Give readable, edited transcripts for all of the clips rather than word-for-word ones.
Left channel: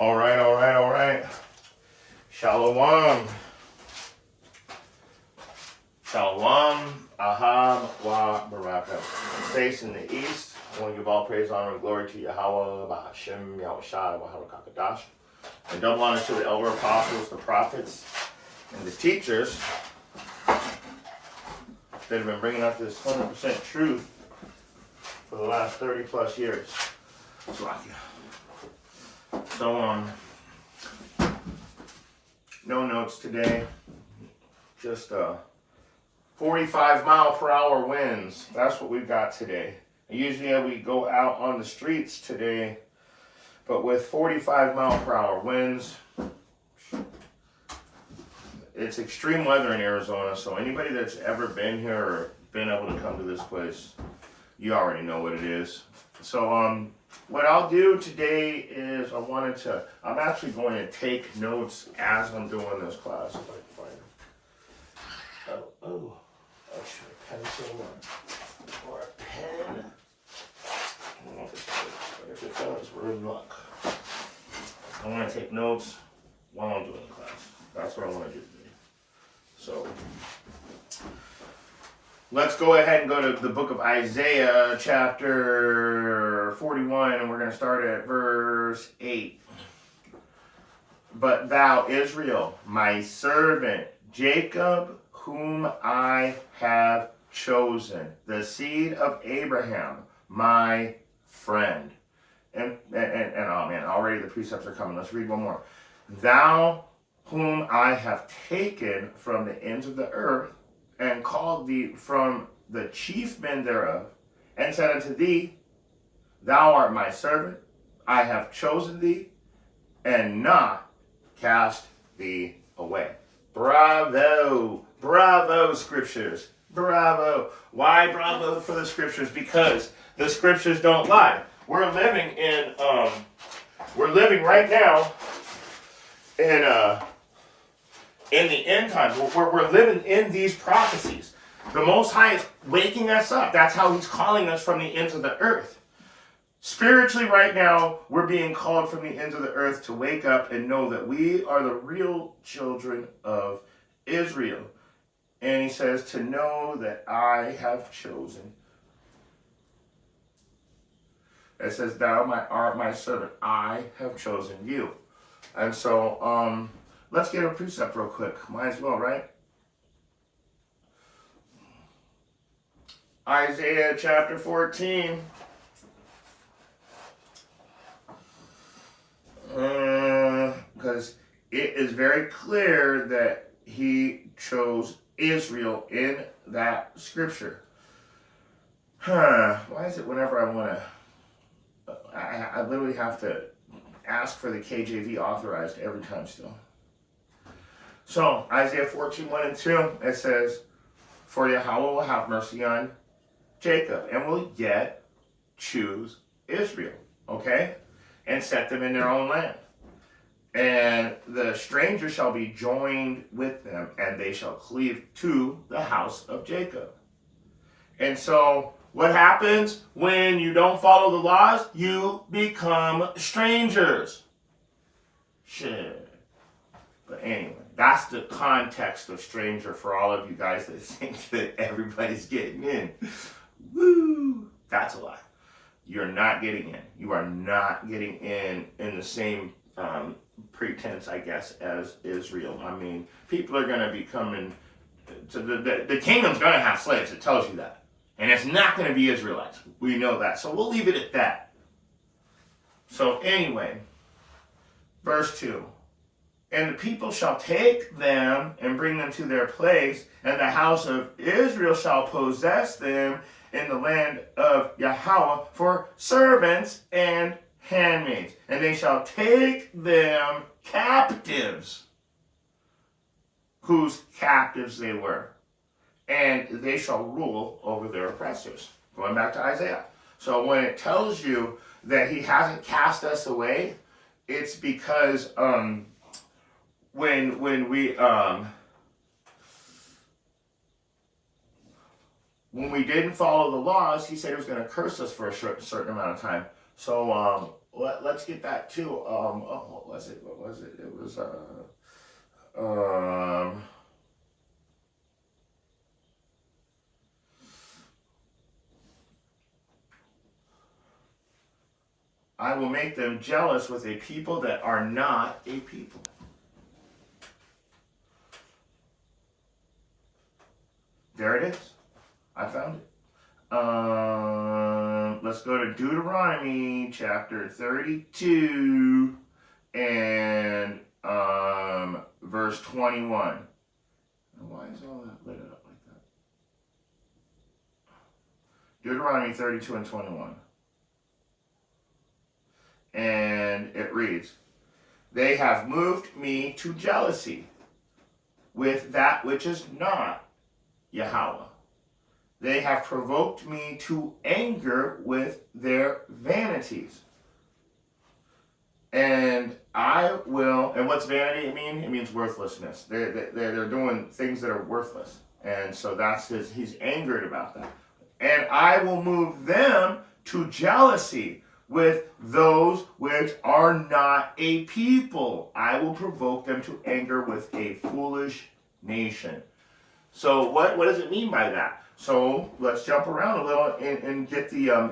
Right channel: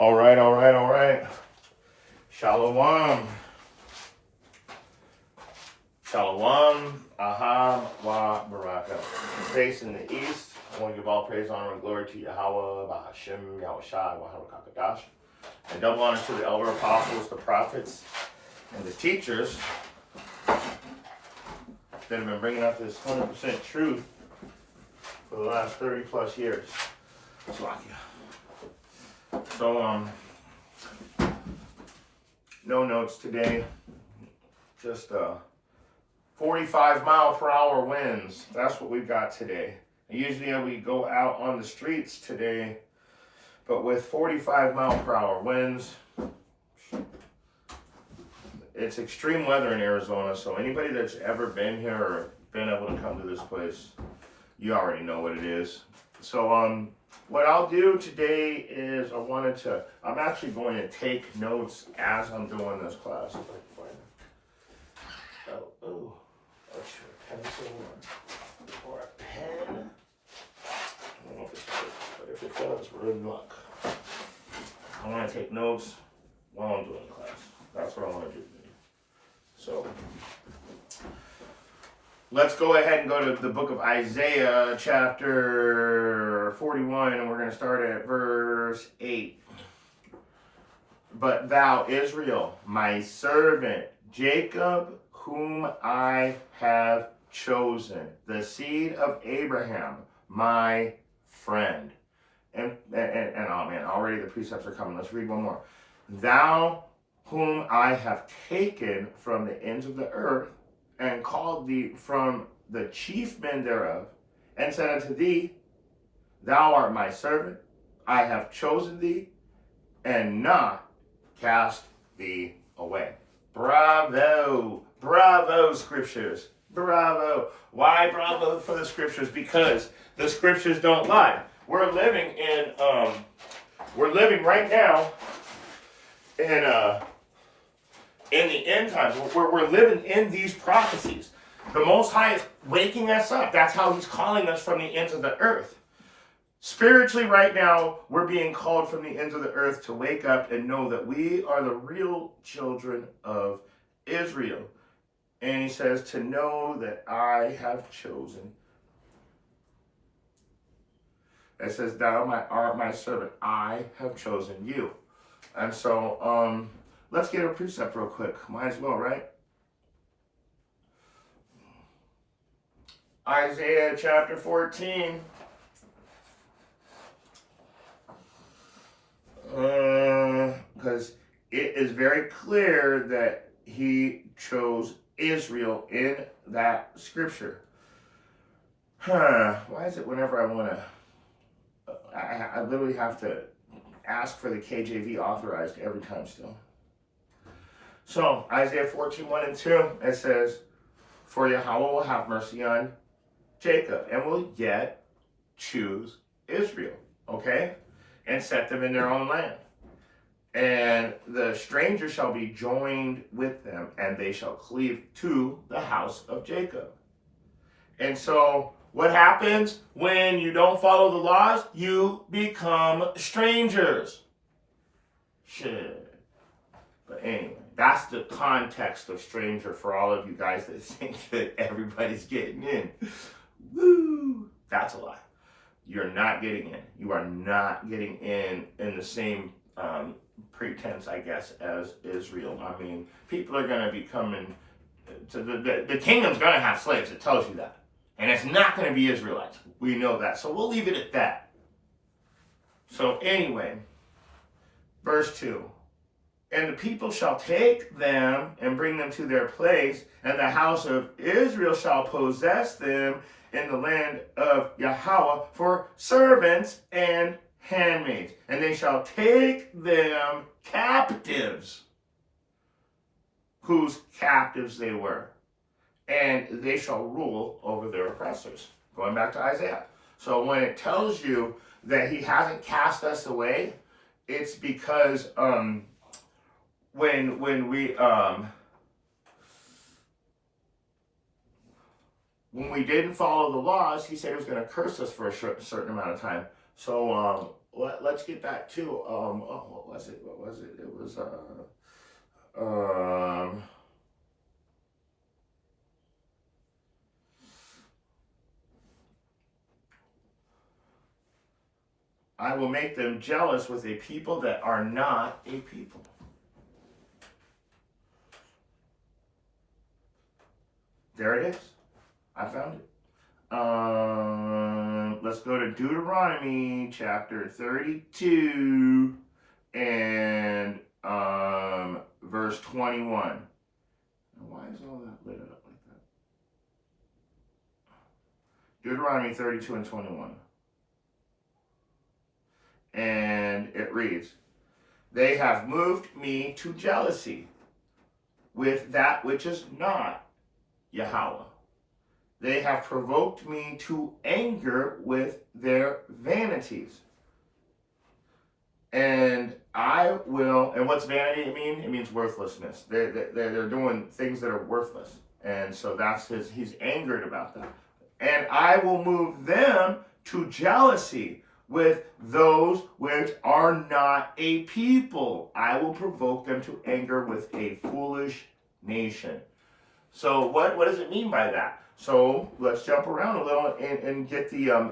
All right, all right, all right. Shalom. Shalom. Ahab wa baraka. Facing the east, I want to give all praise, honor, and glory to Yahweh, Bahashem, Yahushai, Bahakadash. And double honor to the elder apostles, the prophets, and the teachers that have been bringing out this 100% truth for the last 30 plus years. So, no notes today. Just 45 mile per hour winds. That's what we've got today. Usually we go out on the streets today, but with 45 mile per hour winds, it's extreme weather in Arizona. So anybody that's ever been here or been able to come to this place, you already know what it is. So what I'll do today is I'm actually going to take notes as I'm doing this class, if I can find them. Oh, extra pencil or a pen. If it fails, we're in luck. I want to take notes while I'm doing the class. That's what I want to do today. So, let's go ahead and go to the book of Isaiah, chapter 41, and we're going to start at verse 8. But thou, Israel, my servant, Jacob, whom I have chosen, the seed of Abraham, my friend. And oh man, already the precepts are coming. Let's read one more. Thou, whom I have taken from the ends of the earth, and called thee from the chief men thereof, and said unto thee, thou art my servant, I have chosen thee, and not cast thee away. Bravo! Bravo, scriptures! Bravo! Why bravo for the scriptures? Because the scriptures don't lie. We're living right now in the end times. We're living in these prophecies. The Most High is waking us up. That's how he's calling us from the ends of the earth. Spiritually, right now, we're being called from the ends of the earth to wake up and know that we are the real children of Israel. And he says, to know that I have chosen. It says, thou art my servant, I have chosen you. And so, let's get a precept real quick. Might as well, right? Isaiah chapter 14. Because it is very clear that he chose Israel in that scripture. Why is it whenever I want to, I literally have to ask for the KJV authorized every time still. So, Isaiah 14, 1 and 2, it says, for Yahweh will have mercy on Jacob, and will yet choose Israel, okay? And set them in their own land. And the stranger shall be joined with them, and they shall cleave to the house of Jacob. And so, what happens when you don't follow the laws? You become strangers. Shit. But anyway, that's the context of stranger for all of you guys that think that everybody's getting in. Woo! That's a lie. You're not getting in. You are not getting in the same pretense, I guess, as Israel. I mean, people are going to be coming to the kingdom's going to have slaves. It tells you that. And it's not going to be Israelites. We know that. So we'll leave it at that. So anyway, verse 2. And the people shall take them and bring them to their place, and the house of Israel shall possess them in the land of Yahweh for servants and handmaids. And they shall take them captives, whose captives they were. And they shall rule over their oppressors. Going back to Isaiah. So when it tells you that he hasn't cast us away, it's because when we didn't follow the laws, he said he was going to curse us for a certain amount of time. So let's get that too. What was it? What was it? It was um. I will make them jealous with a people that are not a people. There it is. I found it. Let's go to Deuteronomy chapter 32 and verse 21. Why is all that lit up like that? Deuteronomy 32 and 21. And it reads, they have moved me to jealousy with that which is not Yahweh. They have provoked me to anger with their vanities. And I will, and what's vanity mean? It means worthlessness. They're doing things that are worthless. And so that's he's angered about that. And I will move them to jealousy with those which are not a people. I will provoke them to anger with a foolish nation. So what does it mean by that? So let's jump around a little and get the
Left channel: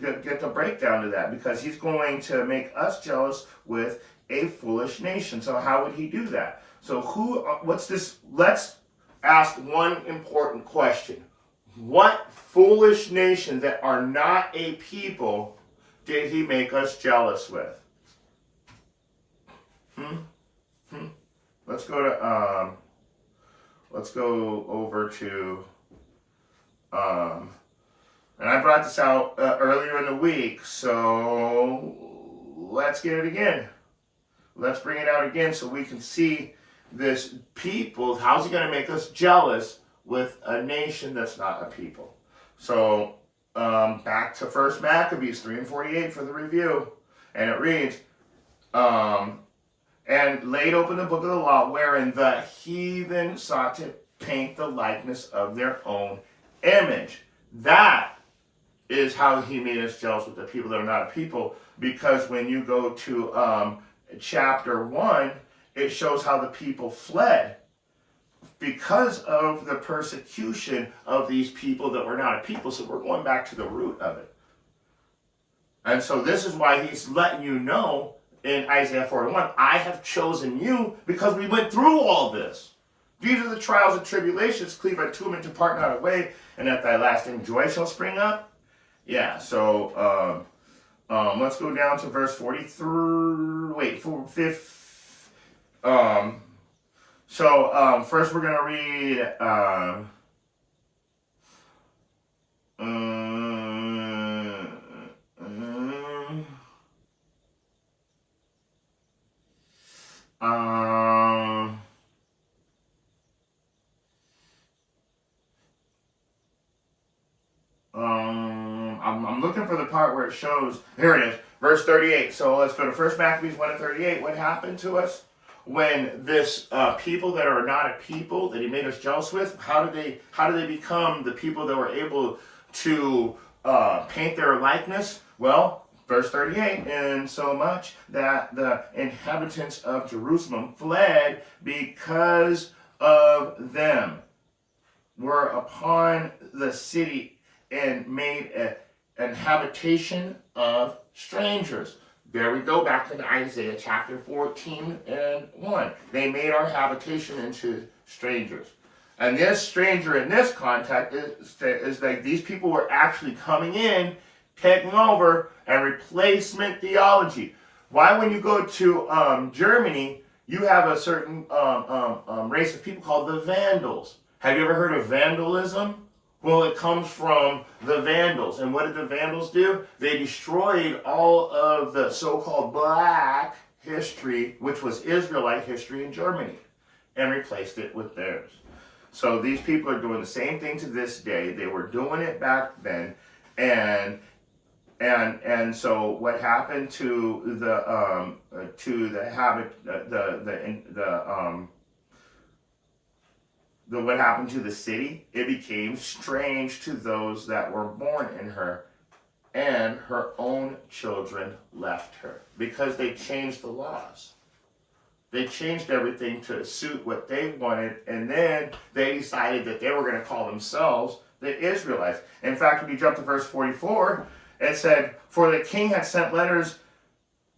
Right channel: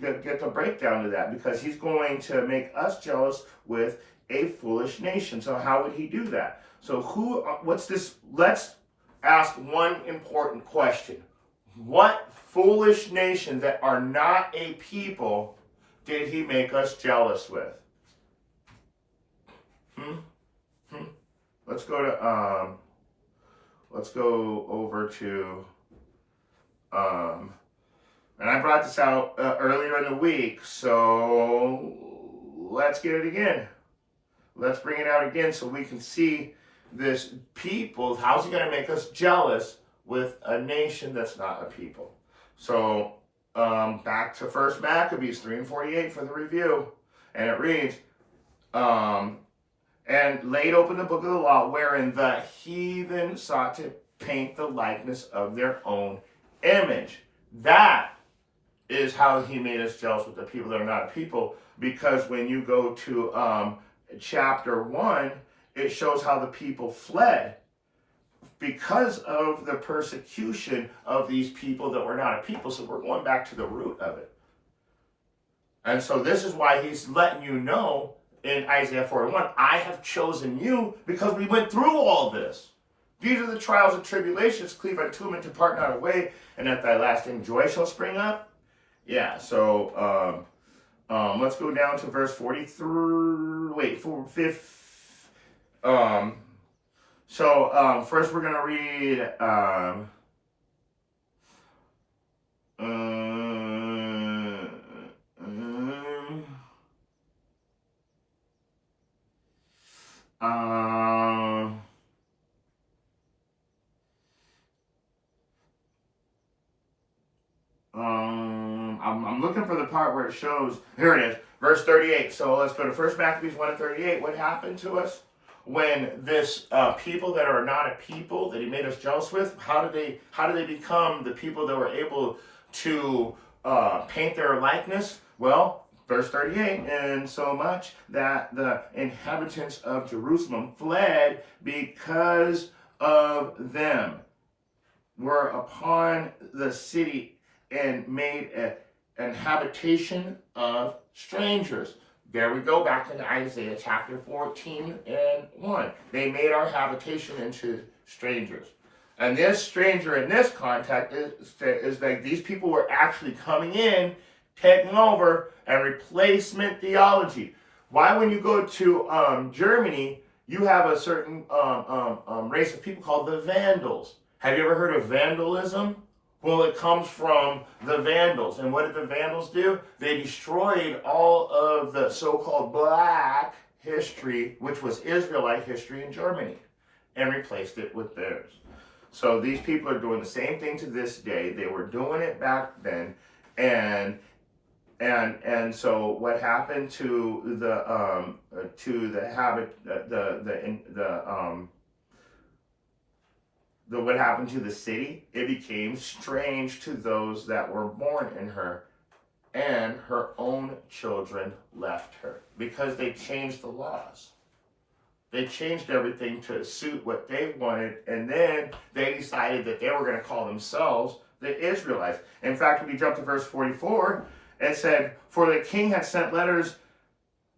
get the breakdown to that, because he's going to make us jealous with a foolish nation. So how would he do that? So what's this? Let's ask one important question. What foolish nation that are not a people did he make us jealous with? Let's go to let's go over to and I brought this out earlier in the week, so let's get it again. Let's bring it out again so we can see this people. How's he going to make us jealous with a nation that's not a people? So back to 1 Maccabees 3 and 48 for the review. And it reads, and laid open the book of the law, wherein the heathen sought to paint the likeness of their own image. That is how he made us jealous with the people that are not a people, because when you go to chapter 1, it shows how the people fled because of the persecution of these people that were not a people. So we're going back to the root of it. And so this is why he's letting you know in Isaiah 41, I have chosen you because we went through all this. These are the trials and tribulations, cleave unto them and depart not away, and at thy lasting joy shall spring up. Yeah, so let's go down to verse 43. Wait, first we're gonna read I'm looking for the part where it shows, here it is, verse 38. So let's go to 1 Maccabees 1 and 38. What happened to us when this people that are not a people that he made us jealous with, how did they become the people that were able to paint their likeness? Well, verse 38, and so much that the inhabitants of Jerusalem fled because of them, were upon the city and made an habitation of strangers. There we go, back to Isaiah chapter 14 and 1. They made our habitation into strangers. And this stranger in this context is like these people were actually coming in, taking over, and replacement theology. Why, when you go to Germany, you have a certain race of people called the Vandals. Have you ever heard of vandalism? Well, it comes from the Vandals. And what did the Vandals do? They destroyed all of the so-called black history, which was Israelite history in Germany, and replaced it with theirs. So these people are doing the same thing to this day. They were doing it back then, and so what happened to what happened to the city? It became strange to those that were born in her, and her own children left her, because they changed the laws. They changed everything to suit what they wanted, and then they decided that they were going to call themselves the Israelites. In fact, when you jump to verse 44, it said, "For the king had sent letters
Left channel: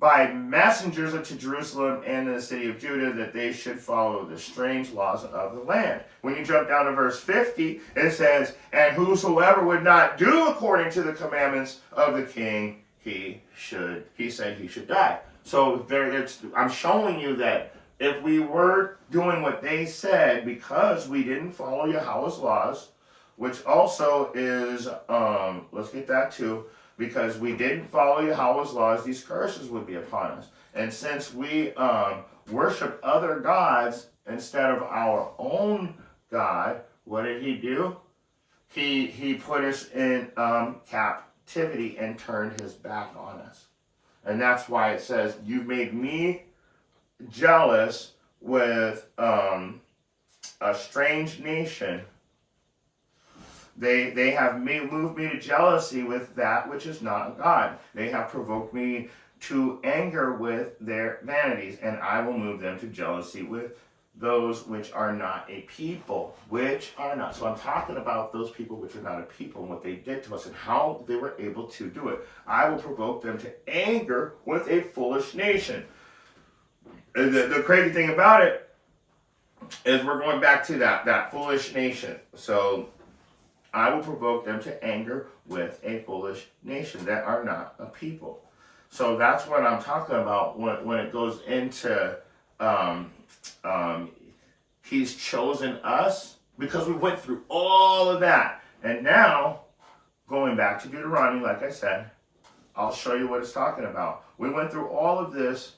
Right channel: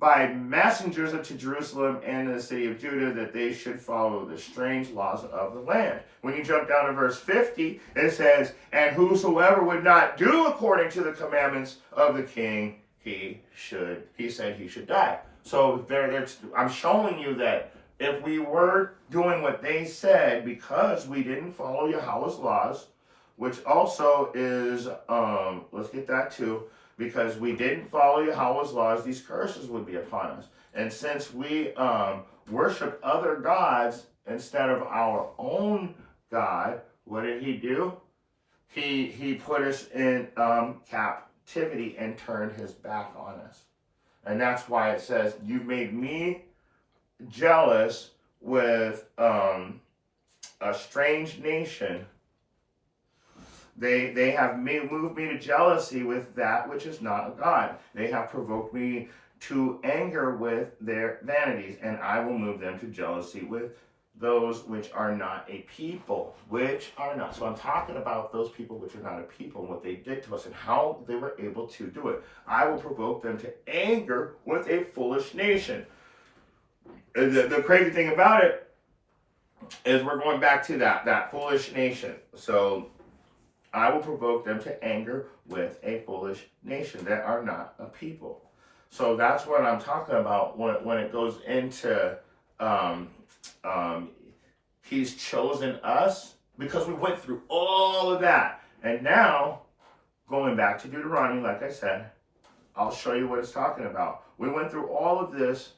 by messengers unto Jerusalem and the city of Judah, that they should follow the strange laws of the land." When you jump down to verse 50, it says, "And whosoever would not do according to the commandments of the king, he said he should die." So I'm showing you that if we were doing what they said, because we didn't follow Yahweh's laws, which also is, let's get that too, because we didn't follow Yahweh's laws, these curses would be upon us. And since we worshiped other gods instead of our own God, what did he do? He put us in captivity and turned his back on us. And that's why it says, "You've made me jealous with a strange nation. They have moved me to jealousy with that which is not God. They have provoked me to anger with their vanities, and I will move them to jealousy with those which are not a people," which are not. So I'm talking about those people which are not a people and what they did to us and how they were able to do it. "I will provoke them to anger with a foolish nation." The crazy thing about it is we're going back to that foolish nation. So I will provoke them to anger with a foolish nation that are not a people. So that's what I'm talking about when it goes into he's chosen us, because we went through all of that. And now, going back to Deuteronomy, like I said, I'll show you what it's talking about. We went through all of this.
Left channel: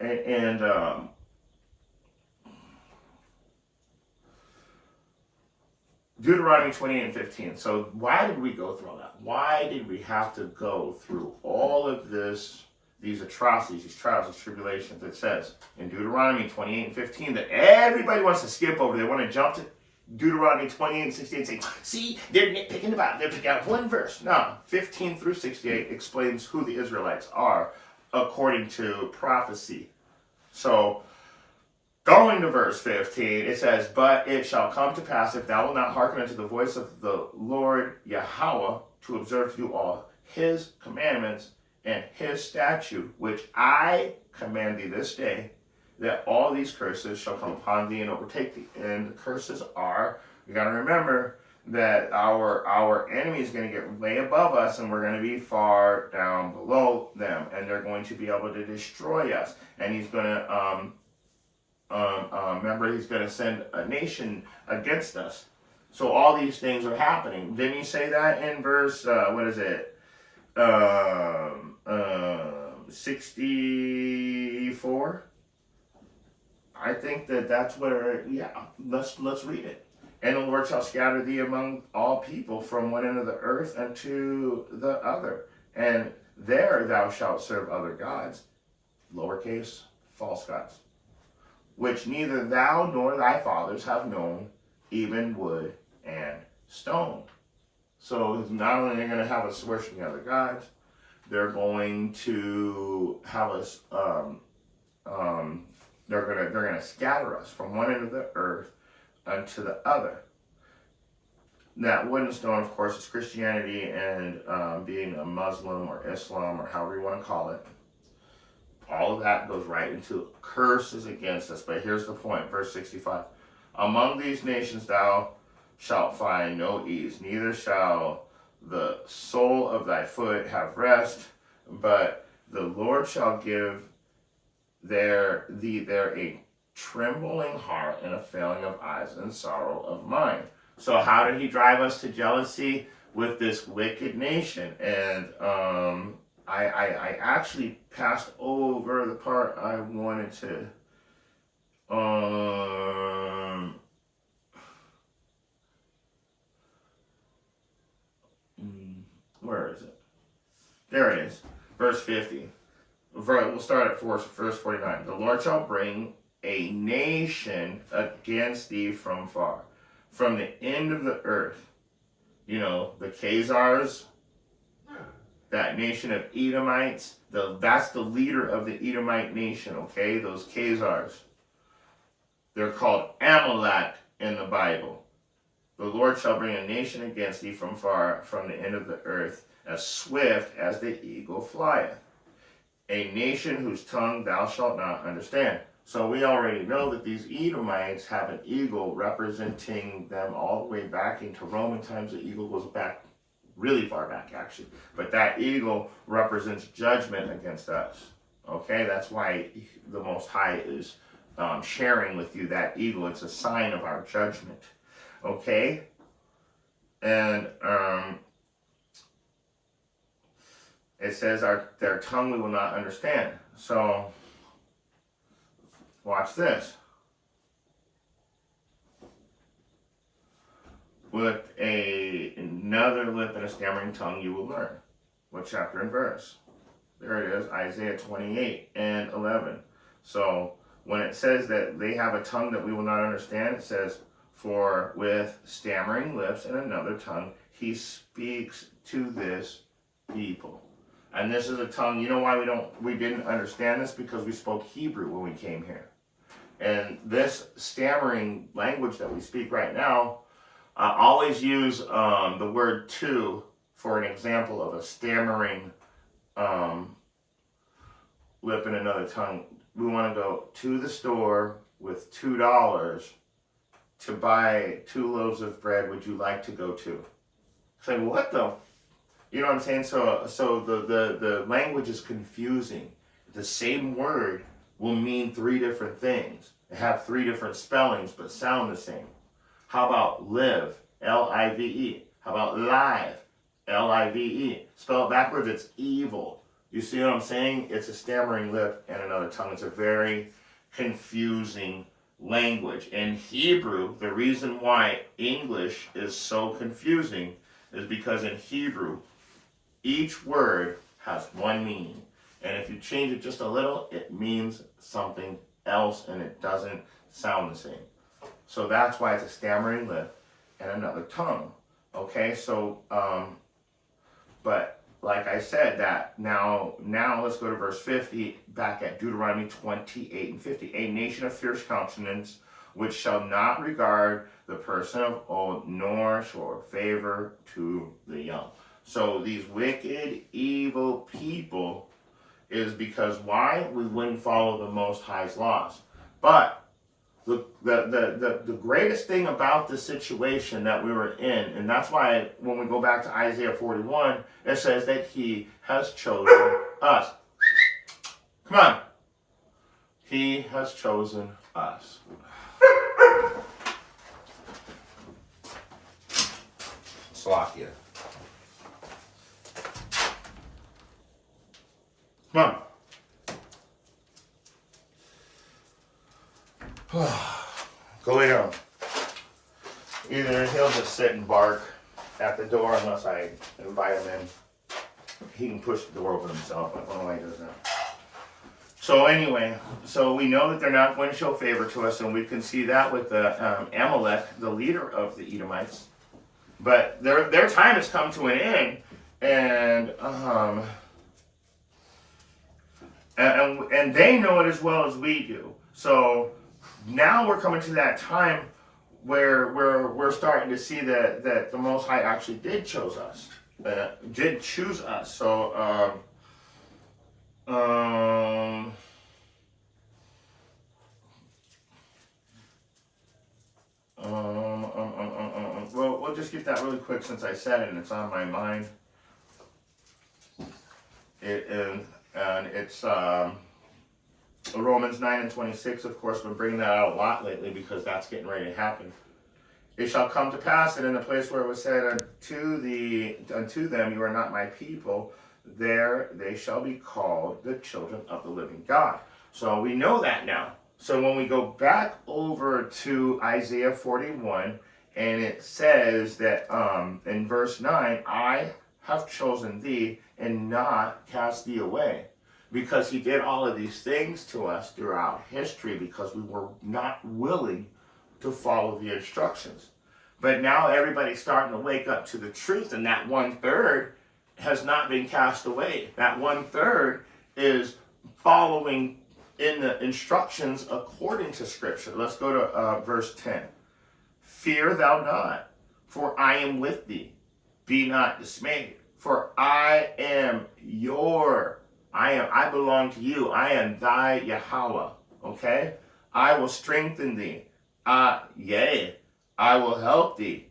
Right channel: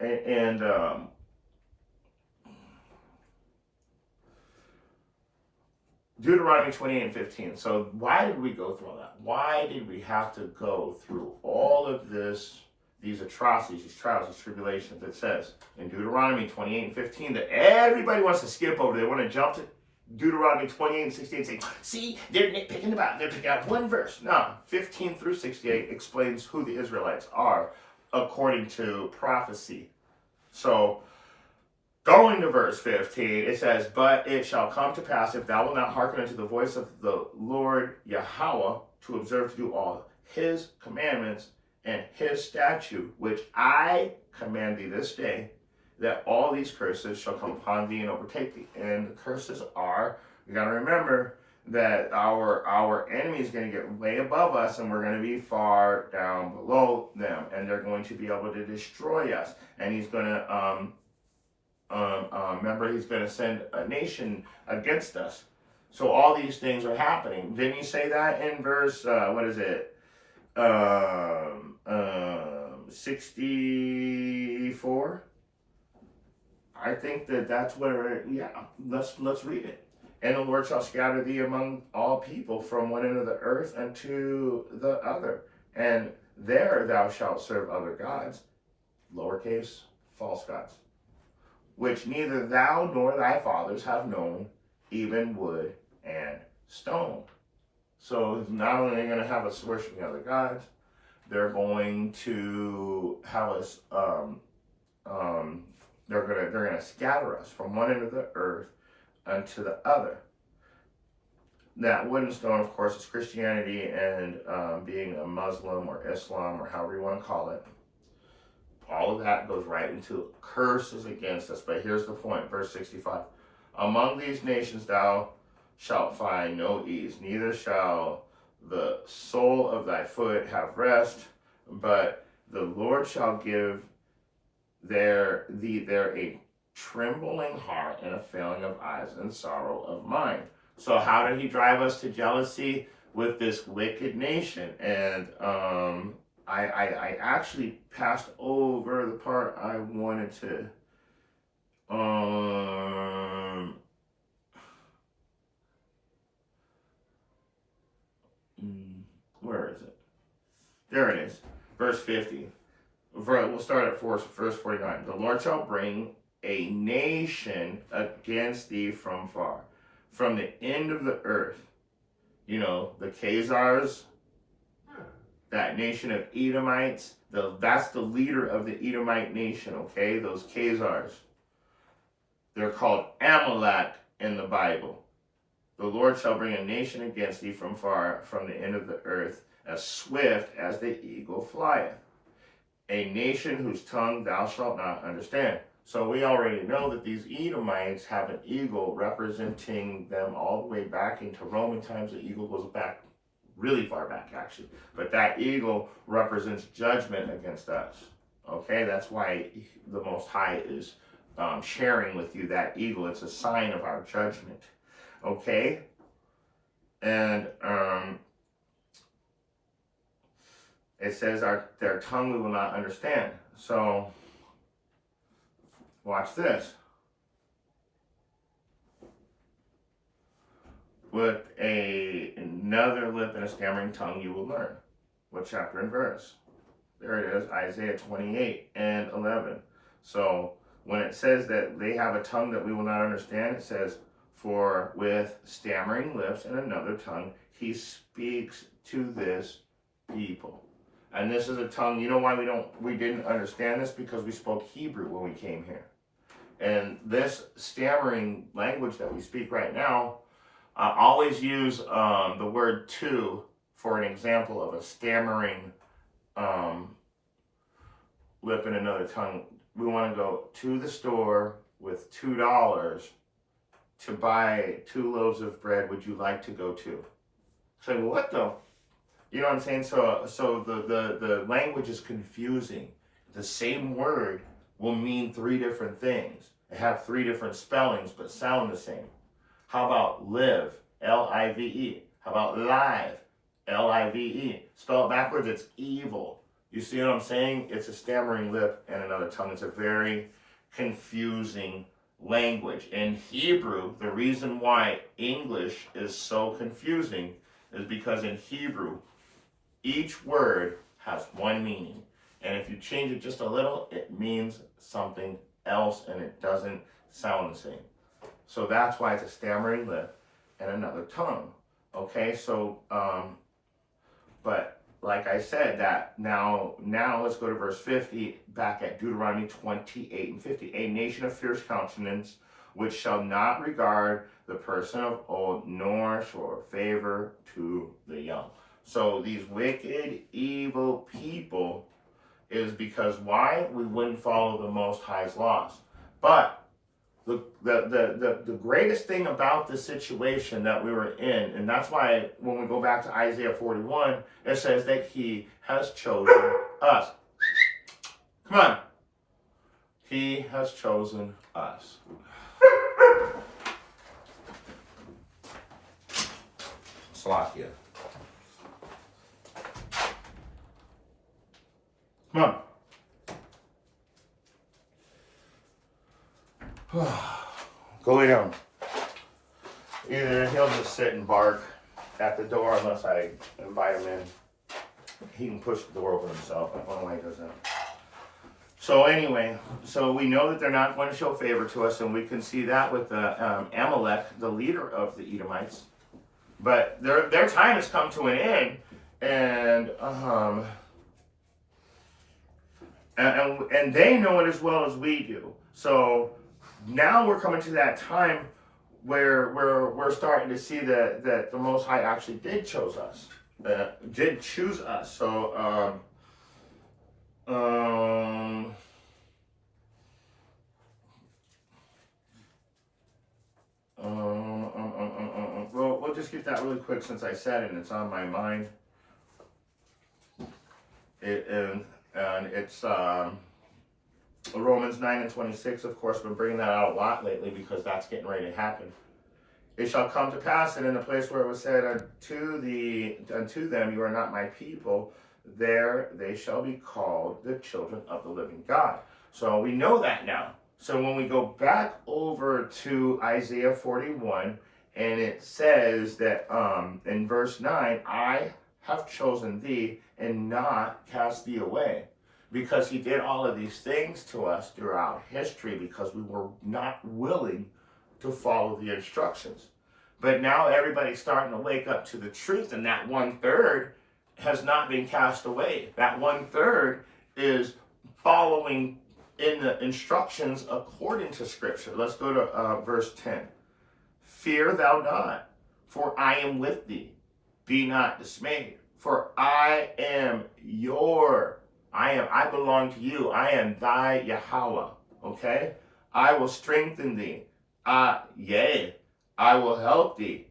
And Deuteronomy 28:15. So why did we go through all that? Why did we have to go through all of this, these atrocities, these trials, these tribulations? It says in Deuteronomy 28:15 that everybody wants to skip over. They want to jump to Deuteronomy 28:68 and say, "See, they're nitpicking about it. They're picking out one verse." No, 15 through 68 explains who the Israelites are according to prophecy. So, going to verse 15, it says, "But it shall come to pass, if thou wilt not hearken unto the voice of the Lord Yahweh, to observe to do all his commandments and his statute, which I command thee this day, that all these curses shall come upon thee and overtake thee." And the curses are, you got to remember that our enemy is going to get way above us, and we're going to be far down below them, and they're going to be able to destroy us. And he's going to remember, he's going to send a nation against us. So all these things are happening. Didn't you say that in verse 64? I think that's where, let's read it. "And the Lord shall scatter thee among all people from one end of the earth unto the other. And there thou shalt serve other gods," lowercase, false gods, "which neither thou nor thy fathers have known, even wood and stone." So not only are they going to have us worshiping other gods, they're going to have us, they're going to scatter us from one end of the earth unto the other. That wood and stone, of course, is Christianity and being a Muslim or Islam or however you want to call it. All of that goes right into curses against us. But here's the point, verse 65. "Among these nations thou shalt find no ease, neither shall the sole of thy foot have rest, but the Lord shall give thee there a trembling heart and a failing of eyes and sorrow of mind." So how did he drive us to jealousy? With this wicked nation. And I actually passed over the part I wanted to where is it? There it is. Verse 50. We'll start at verse 49. "The Lord shall bring a nation against thee from far, from the end of the earth. You know, the Khazars, that nation of Edomites, that's the leader of the Edomite nation, okay? Those Khazars. They're called Amalek in the Bible. The Lord shall bring a nation against thee from far, from the end of the earth, as swift as the eagle flieth. A nation whose tongue thou shalt not understand. So we already know that these Edomites have an eagle representing them all the way back into Roman times. The eagle goes back really far back, actually. But that eagle represents judgment against us. Okay, that's why the Most High is sharing with you that eagle. It's a sign of our judgment. Okay? And it says their tongue we will not understand. So, watch this. With another lip and a stammering tongue you will learn. What chapter and verse? There it is, Isaiah 28 and 11. So, when it says that they have a tongue that we will not understand, it says, for with stammering lips and another tongue, he speaks to this people. And this is a tongue, you know why we didn't understand this? Because we spoke Hebrew when we came here. And this stammering language that we speak right now, I always use the word to for an example of a stammering lip and another tongue. We want to go to the store with $2 to buy 2 loaves of bread. Would you like to go to? Say, what the? You know what I'm saying? So the language is confusing. The same word will mean 3 different things. They have 3 different spellings, but sound the same. How about live? L-I-V-E. How about live? L-I-V-E. Spell it backwards, it's evil. You see what I'm saying? It's a stammering lip and another tongue. It's a very confusing language. In Hebrew, the reason why English is so confusing is because in Hebrew, each word has one meaning. And if you change it just a little, it means something else and it doesn't sound the same. So that's why it's a stammering lip and another tongue. Okay, so, but like I said, that now let's go to verse 50, back at Deuteronomy 28 and 50. A nation of fierce countenance, which shall not regard the person of old, nor show favor to the young. So these wicked, evil people is because why? We wouldn't follow the Most High's laws. But the greatest thing about the situation that we were in, and that's why when we go back to Isaiah 41, it says that he has chosen us. Come on. He has chosen us. Slakia. Come on. Go lay down. Either he'll just sit and bark at the door unless I invite him in. He can push the door open himself. I don't know why he does that. So anyway, so we know that they're not going to show favor to us, and we can see that with the Amalek, the leader of the Edomites. But their time has come to an end, and they know it as well as we do. So now we're coming to that time where we're starting to see that the Most High actually did choose us. So well, we'll just get that really quick since I said it and it's on my mind. And it's Romans 9 and 26, of course. Been bringing that out a lot lately because that's getting ready to happen. It shall come to pass that in the place where it was said unto them, you are not my people, there they shall be called the children of the living God. So we know that now. So when we go back over to Isaiah 41, and it says that in verse 9, I have chosen thee and not cast thee away. because he did all of these things to us throughout history because we were not willing to follow the instructions. But now everybody's starting to wake up to the truth, and that 1/3 has not been cast away. That 1/3 is following in the instructions according to Scripture. Let's go to verse 10. Fear thou not, for I am with thee. Be not dismayed, for I belong to you. I am thy Yahweh. Okay? I will strengthen thee. Yea, I will help thee.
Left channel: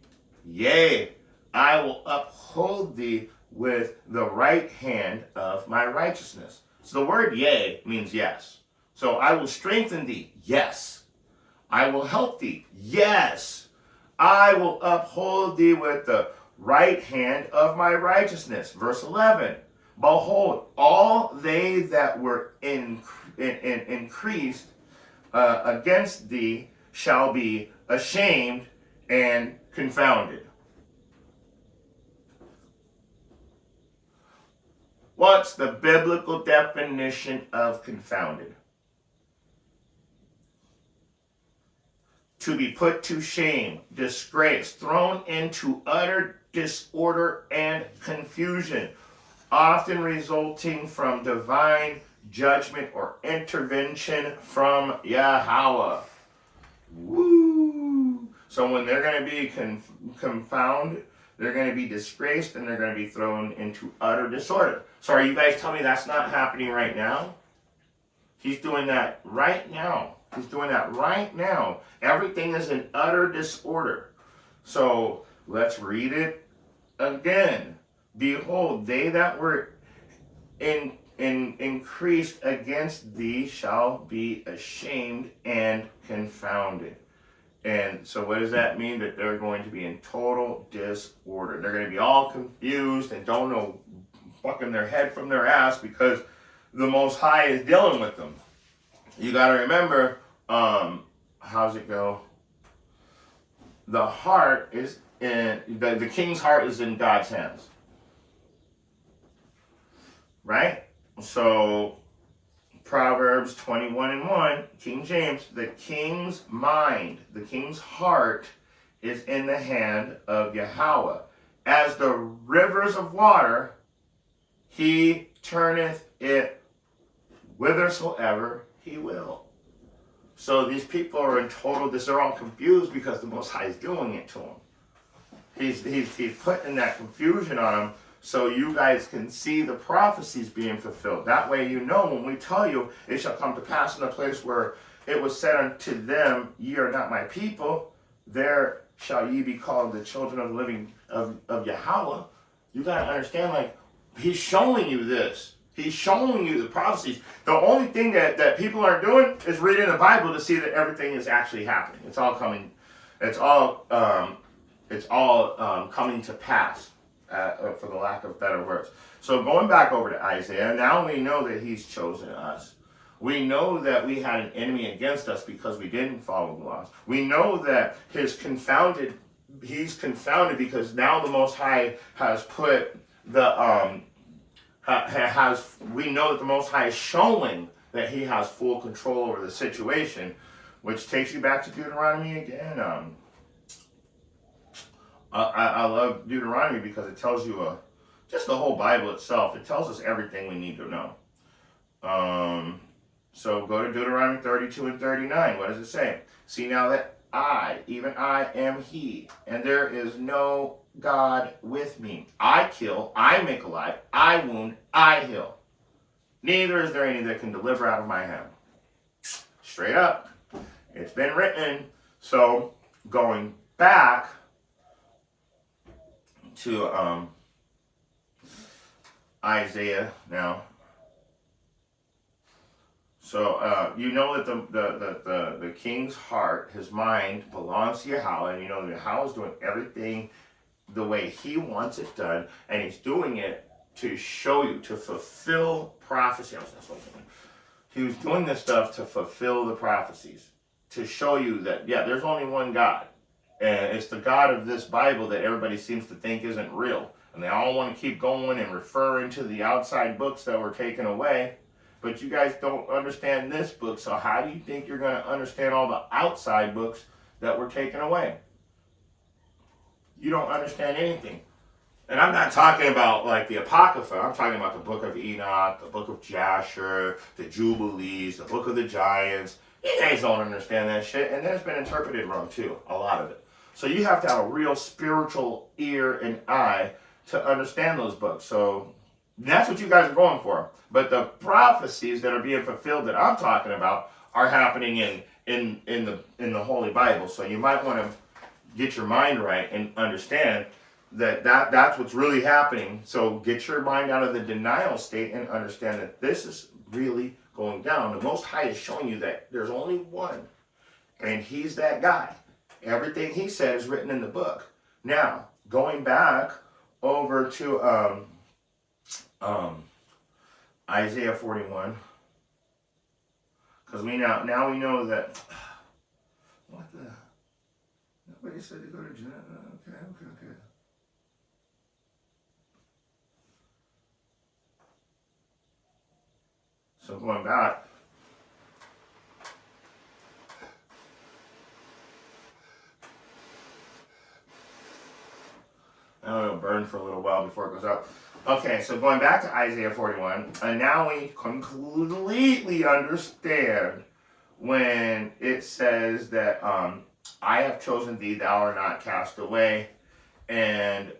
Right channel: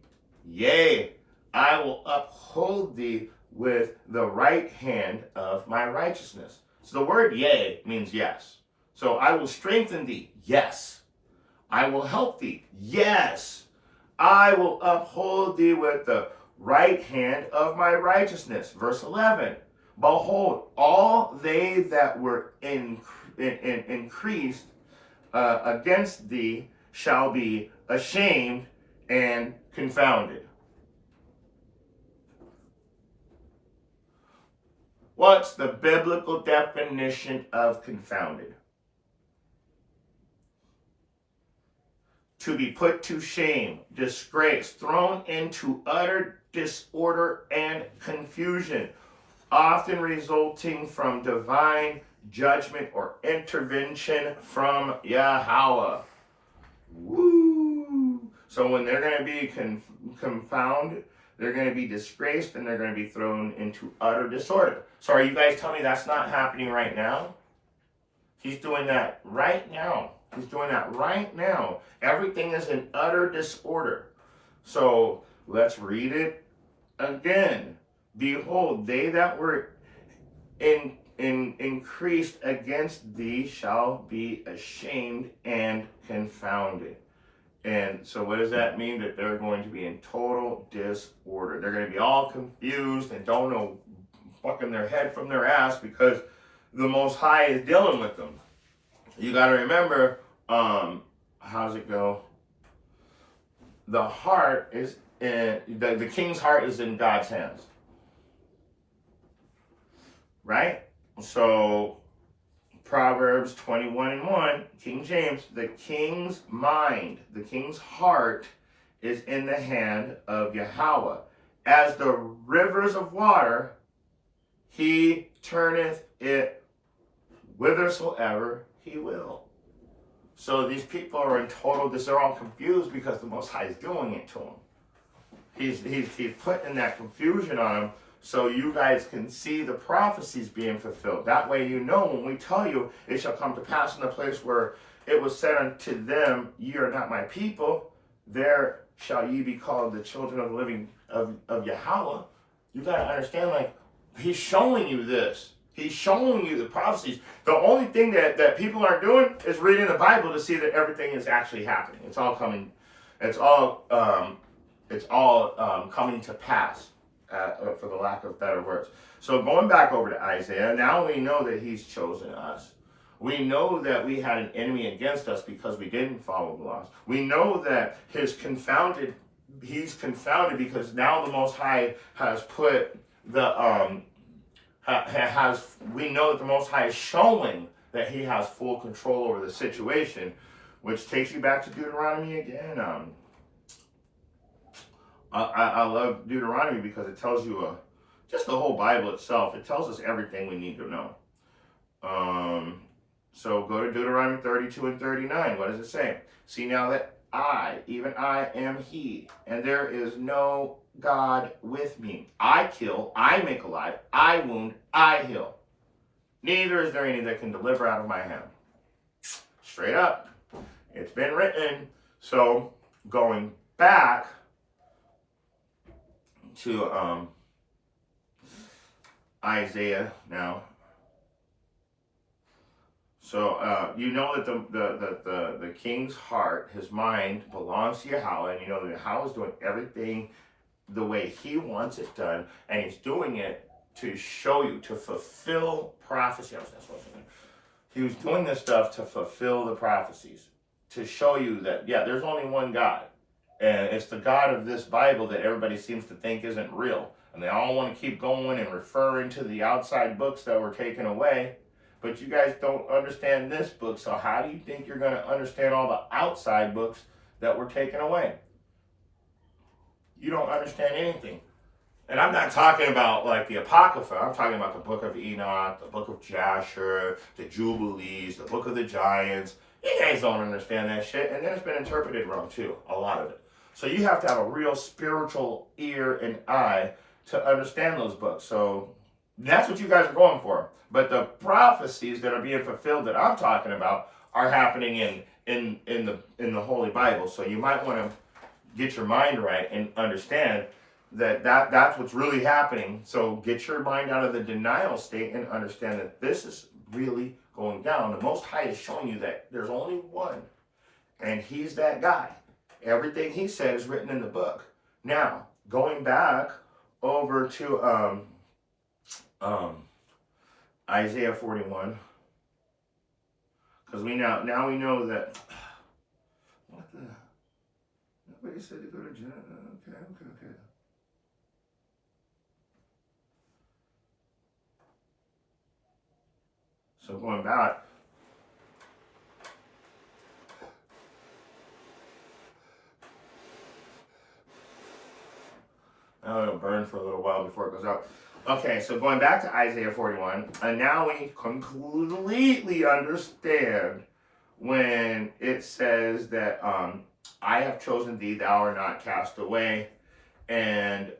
Yea, I will uphold thee with the right hand of my righteousness. So the word yea means yes. So I will strengthen thee. Yes. I will help thee. Yes. I will uphold thee with the right hand of my righteousness. Verse 11. Behold, all they that were increased against thee shall be ashamed and confounded. What's the biblical definition of confounded? To be put to shame, disgrace, thrown into utter disorder and confusion, often resulting from divine judgment or intervention from Yahweh. Woo! So when they're going to be confounded, they're going to be disgraced, and they're going to be thrown into utter disorder. So are you guys telling me that's not happening right now? He's doing that right now. He's doing that right now. Everything is in utter disorder. So let's read it again. Behold, they that were increased against thee shall be ashamed and confounded. And so what does that mean? That they're going to be in total disorder. They're going to be all confused and don't know fucking their head from their ass because the Most High is dealing with them. You got to remember, how's it go? The heart is in, the king's heart is in God's hands. Right? So, Proverbs 21:1, King James, the king's mind, the king's heart is in the hand of Yahweh. As the rivers of water, he turneth it whithersoever he will. So these people are in total, they're all confused because the Most High is doing it to them. He's putting that confusion on them so you guys can see the prophecies being fulfilled. That way you know when we tell you, it shall come to pass in the place where it was said unto them, ye are not my people, there shall ye be called the children of the living of Yahweh. You got to understand, like, he's showing you this. He's showing you the prophecies. The only thing that people aren't doing is reading the Bible to see that everything is actually happening. It's all coming. It's all coming to pass, for the lack of better words. So going back over to Isaiah, now we know that he's chosen us. We know that we had an enemy against us because we didn't follow the laws. We know that he's confounded because now the Most High has put the we know that the Most High is showing that he has full control over the situation, which takes you back to Deuteronomy again. I love Deuteronomy because it tells you just the whole Bible itself. It tells us everything we need to know. So go to Deuteronomy 32 and 39. What does it say? See now that I, even I, am he, and there is no God with me. I kill, I make alive, I wound, I heal. Neither is there any that can deliver out of my hand. Straight up. It's been written. So going back to Isaiah now. So you know that the king's heart, his mind, belongs to Yahweh, and you know that Yahweh is doing everything the way he wants it done, and he's doing it to show you, to fulfill prophecy. He was doing this stuff to fulfill the prophecies, to show you that, yeah, there's only one God, and it's the God of this Bible that everybody seems to think isn't real, and they all want to keep going and referring to the outside books that were taken away. but you guys don't understand this book, so how do you think you're going to understand all the outside books that were taken away? You don't understand anything. And I'm not talking about like the Apocrypha. I'm talking about the book of Enoch, the book of Jasher, the Jubilees, the book of the Giants. You guys don't understand that shit. And then it's been interpreted wrong too, a lot of it. So you have to have a real spiritual ear and eye to understand those books. So that's what you guys are going for. But the prophecies that are being fulfilled that I'm talking about are happening in the Holy Bible. So you might want to get your mind right and understand that's what's really happening. So get your mind out of the denial state and understand that this is really going down. The Most High is showing you that there's only one, and he's that guy. Everything he said is written in the book. Now, going back over to Isaiah 41, because now we know that. What the? Nobody said to go to Genesis. Okay. So going back, it'll burn for a little while before it goes out. Okay, so going back to Isaiah 41, and now we completely understand when it says that I have chosen thee, thou art not cast away, and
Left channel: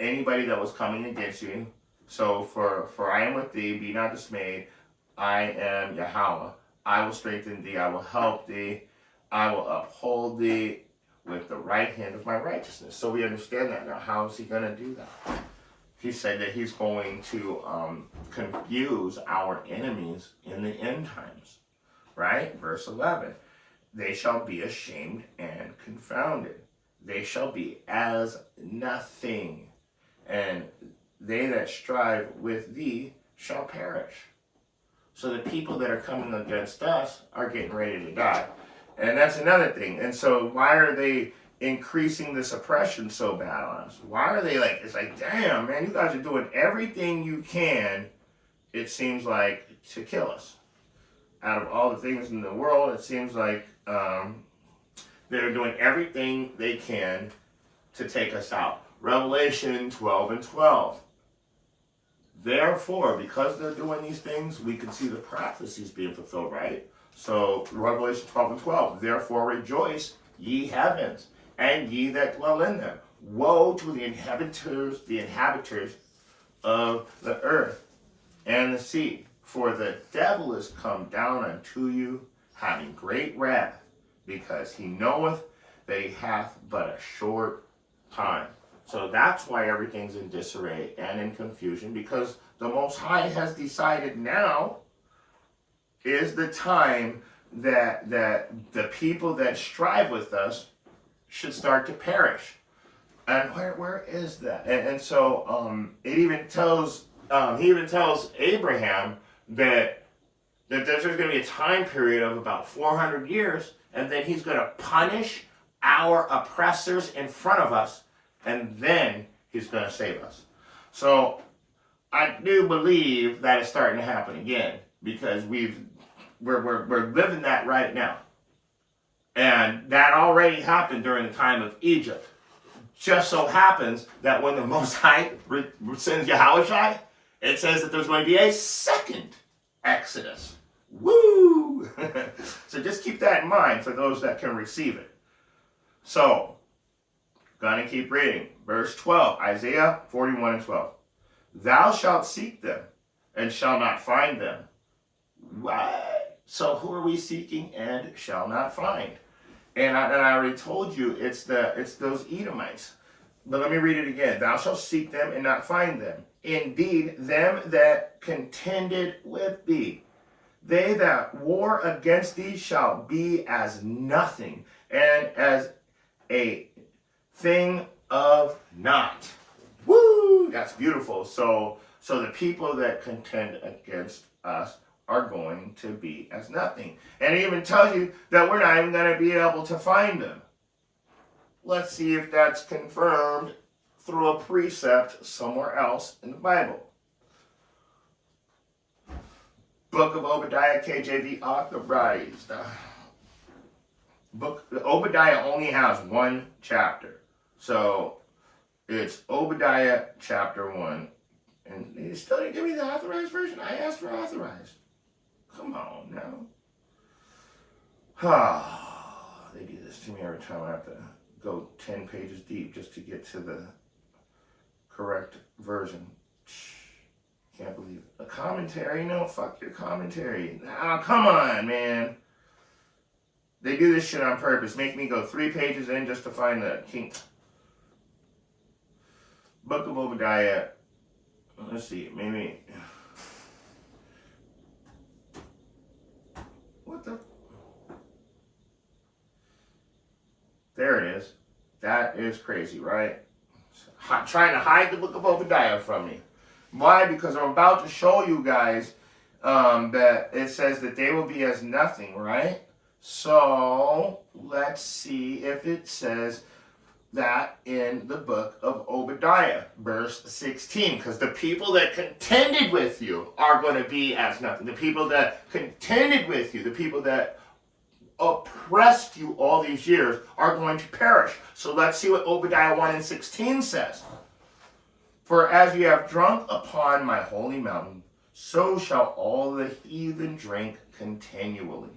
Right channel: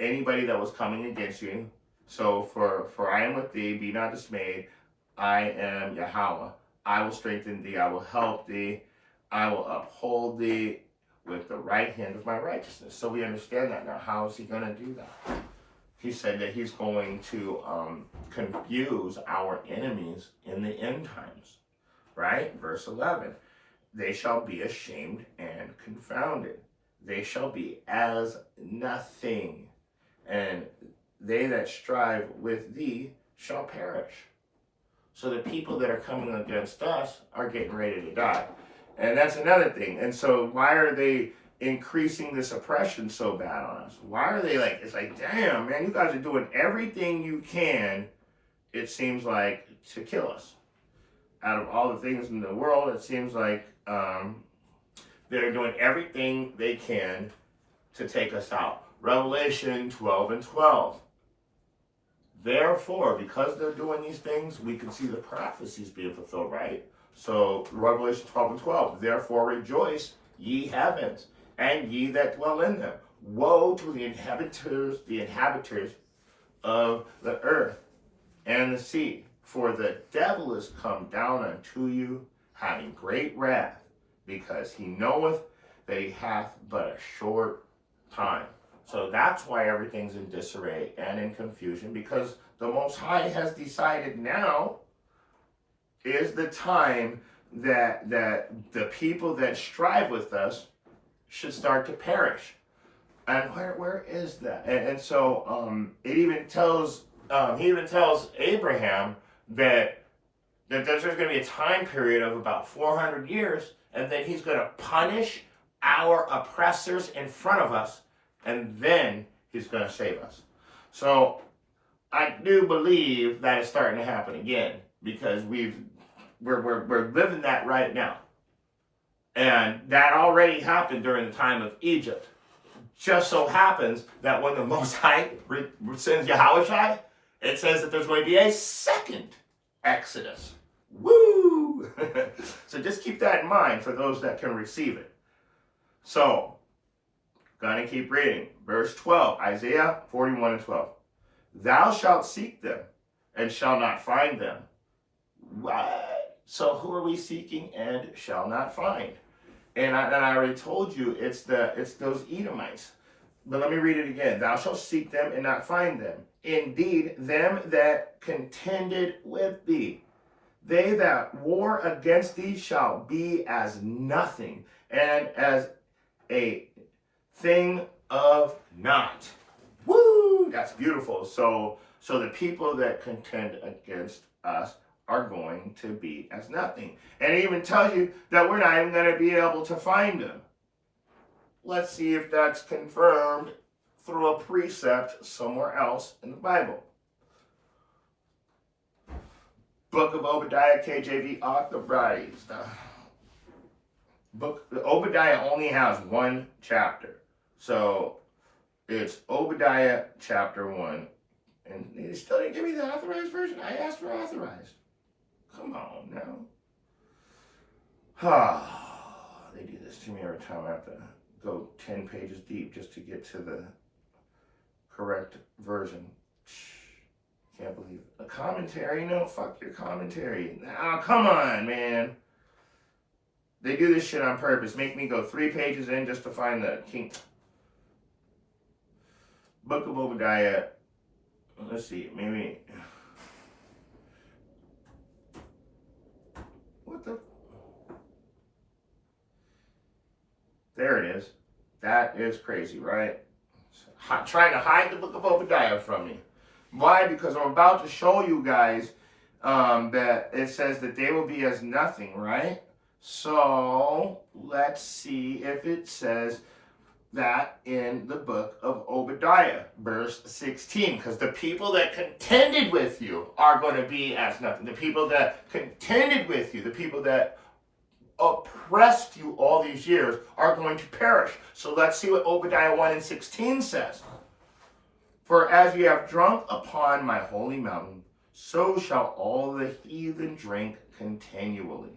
anybody that was coming against you. So for I am with thee, be not dismayed. I am Yahweh. I will strengthen thee. I will help thee. I will uphold thee with the right hand of my righteousness. So we understand that now. How is he going to do that? He said that he's going to confuse our enemies in the end times. Right? Verse 11. They shall be ashamed and confounded. They shall be as nothing. And they that strive with thee shall perish. So the people that are coming against us are getting ready to die. And that's another thing. And so why are they increasing this oppression so bad on us? Why are they like, it's like, damn, man, you guys are doing everything you can, it seems like, to kill us. Out of all the things in the world, it seems like they're doing everything they can to take us out. Revelation 12:12. Therefore, because they're doing these things, we can see the prophecies being fulfilled, right? So, Revelation 12:12. Therefore, rejoice, ye heavens, and ye that dwell in them. Woe to the inhabitants of the earth and the sea. For the devil is come down unto you, having great wrath, because he knoweth that he hath but a short time. So that's why everything's in disarray and in confusion, because the Most High has decided now is the time that the people that strive with us should start to perish. And where is that? And so it even tells he even tells Abraham that there's going to be a time period of about 400 years, and then he's going to punish our oppressors in front of us, and then he's going to save us. So I do believe that is starting to happen again, because we're living that right now. And that already happened during the time of Egypt. Just so happens that when the Most High sends Yahushua, it says that there's going to be a second Exodus. Woo! So just keep that in mind for those that can receive it. So, gonna keep reading. Verse 12, Isaiah 41:12. Thou shalt seek them, and shall not find them. What? So who are we seeking and shall not find? And I already told you it's those Edomites. But let me read it again. Thou shalt seek them and not find them. Indeed, them that contended with thee, they that war against thee shall be as nothing, and as a thing of naught. Woo! That's beautiful. So the people that contend against us are going to be as nothing. And it even tells you that we're not even going to be able to find them. Let's see if that's confirmed through a precept somewhere else in the Bible. Book of Obadiah, KJV authorized. Book Obadiah only has one chapter, so it's Obadiah chapter 1, and they still didn't give me the authorized version. I asked for authorized. Come on now. They do this to me every time. I have to go 10 pages deep just to get to the correct version. Can't believe it. A commentary? No, fuck your commentary. Oh, come on, man. They do this shit on purpose. Make me go 3 pages in just to find the king. Book of Obadiah. Let's see, maybe. What the? There it is. That is crazy, right? Trying to hide the book of Obadiah from me. Why? Because I'm about to show you guys that it says that they will be as nothing, right? So let's see if it says that in the book of Obadiah, verse 16. Because the people that contended with you are going to be as nothing. The people that contended with you, the people that oppressed you all these years are going to perish. So let's see what Obadiah 1:16 says. For as you have drunk upon my holy mountain, so shall all the heathen drink continually.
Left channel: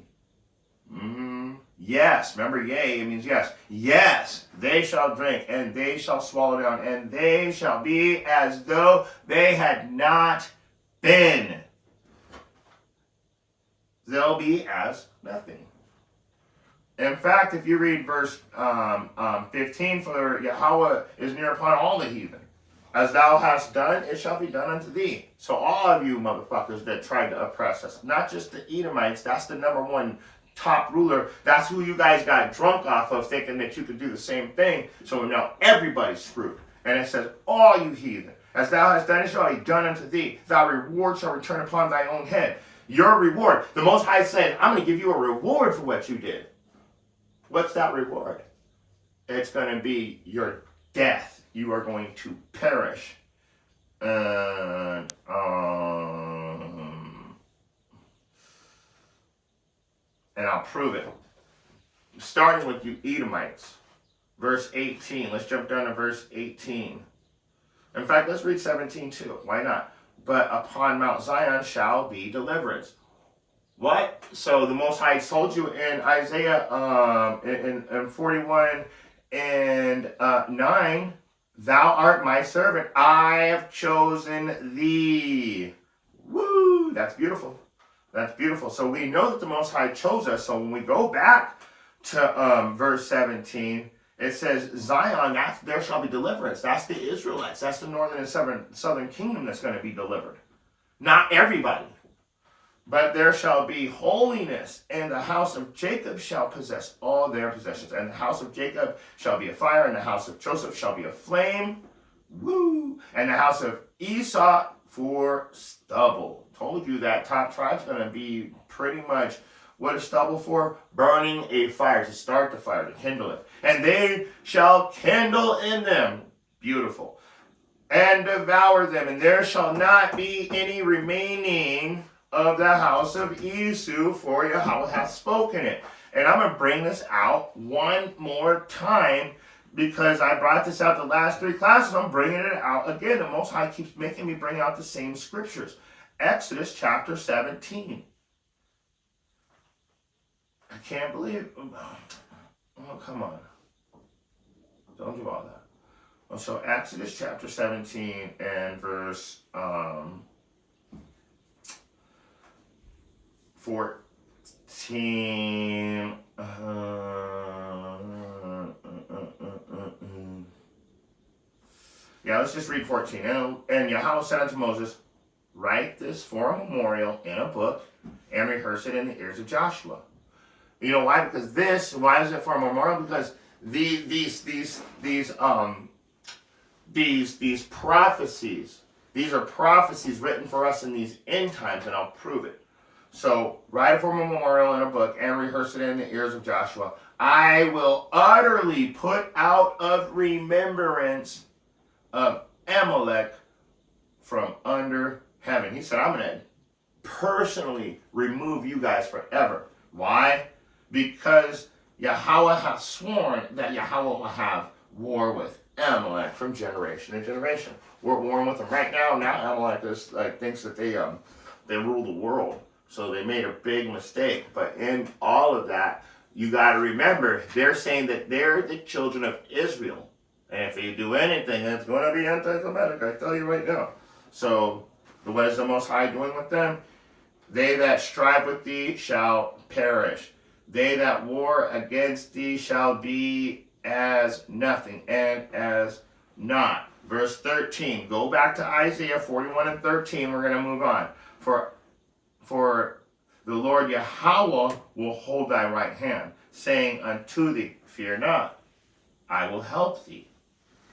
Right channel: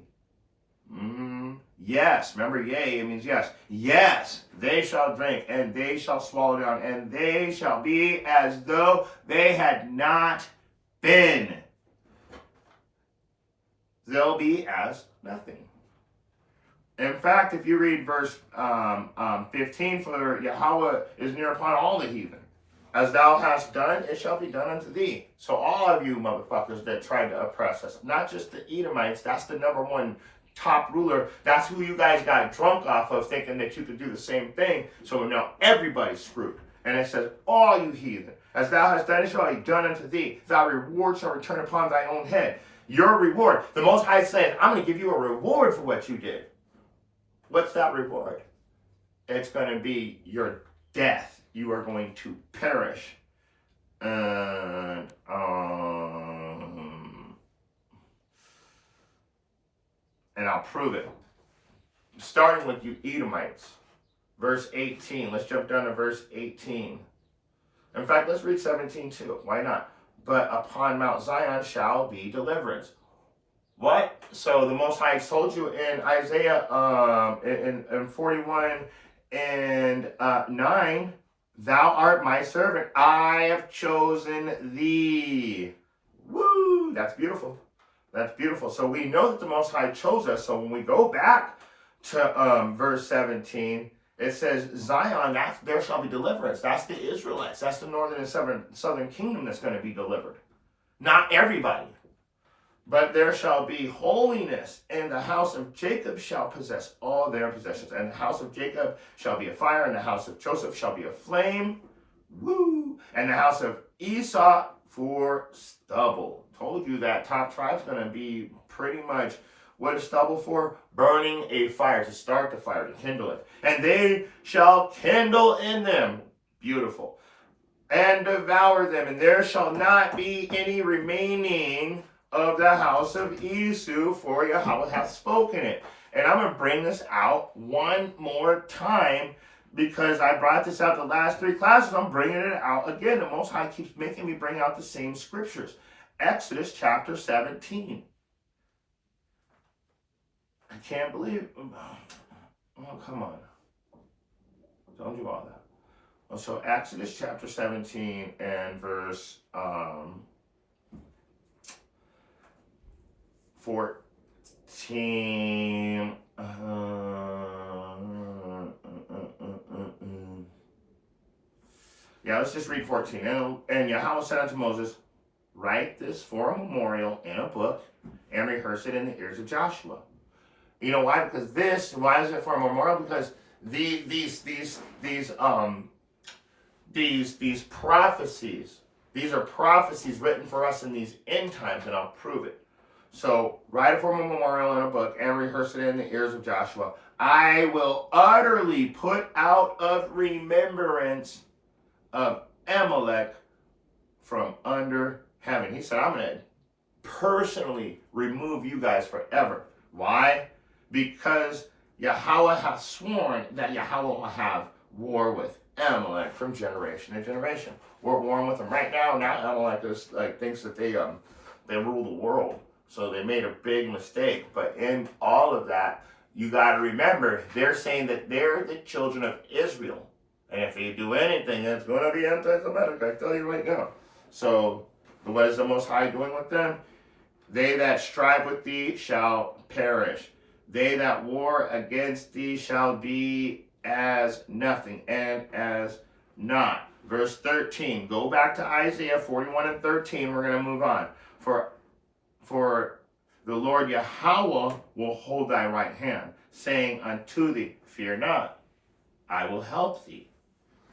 Yes, remember, yea, it means yes. Yes, they shall drink, and they shall swallow down, and they shall be as though they had not been. They'll be as nothing. In fact, if you read verse 15, for Yahweh is near upon all the heathen. As thou hast done, it shall be done unto thee. So all of you motherfuckers that tried to oppress us, not just the Edomites, that's the number one top ruler. That's who you guys got drunk off of, thinking that you could do the same thing. So now everybody's screwed. And it says, all you heathen, as thou hast done, it shall be done unto thee. Thy reward shall return upon thy own head. Your reward. The Most High said, I'm going to give you a reward for what you did. What's that reward? It's going to be your death. You are going to perish. And I'll prove it. Starting with you Edomites. Verse 18. Let's jump down to verse 18. In fact, let's read 17 too. Why not? But upon Mount Zion shall be deliverance. What? So the Most High told you in Isaiah in 41 and 9, thou art my servant. I have chosen thee. Woo! That's beautiful. That's beautiful. So we know that the Most High chose us. So when we go back to verse 17, it says, Zion, there shall be deliverance. That's the Israelites. That's the northern and southern kingdom that's going to be delivered. Not everybody. But there shall be holiness, and the house of Jacob shall possess all their possessions. And the house of Jacob shall be a fire, and the house of Joseph shall be a flame. Woo! And the house of Esau for stubble. Told you that top tribe's going to be pretty much, what is stubble for? Burning a fire, to start the fire, to kindle it. And they shall kindle in them. Beautiful. And devour them, and there shall not be any remaining of the house of Esau, for Yahweh hath spoken it. And I'm going to bring this out one more time, because I brought this out the last 3 classes. I'm bringing it out again. The Most High keeps making me bring out the same scriptures. Exodus chapter 17. I can't believe it. Oh, come on. Don't do all that. So Exodus chapter 17 and verse 14. Yeah, let's just read 14. And Yahweh said unto Moses, write this for a memorial in a book and rehearse it in the ears of Joshua. You know why? Because why is it for a memorial? Because these prophecies, these are prophecies written for us in these end times, and I'll prove it. So, write it for a memorial in a book and rehearse it in the ears of Joshua. I will utterly put out of remembrance of Amalek from under heaven. He said, I'm going to personally remove you guys forever. Why? Because Yahweh hath sworn that Yahweh will have war with Amalek from generation to generation. We're warring with them right now. Now Amalek is thinks that they rule the world. So they made a big mistake. But in all of that, you got to remember, they're saying that they're the children of Israel. And if you do anything, it's going to be anti-Semitic. I tell you right now. So what is the Most High doing with them? They that strive with thee shall perish. They that war against thee shall be as nothing and as naught. Verse 13. Go back to Isaiah 41 and 13. We're going to move on. For the Lord Yahweh will hold thy right hand, saying unto thee, fear not, I will help thee.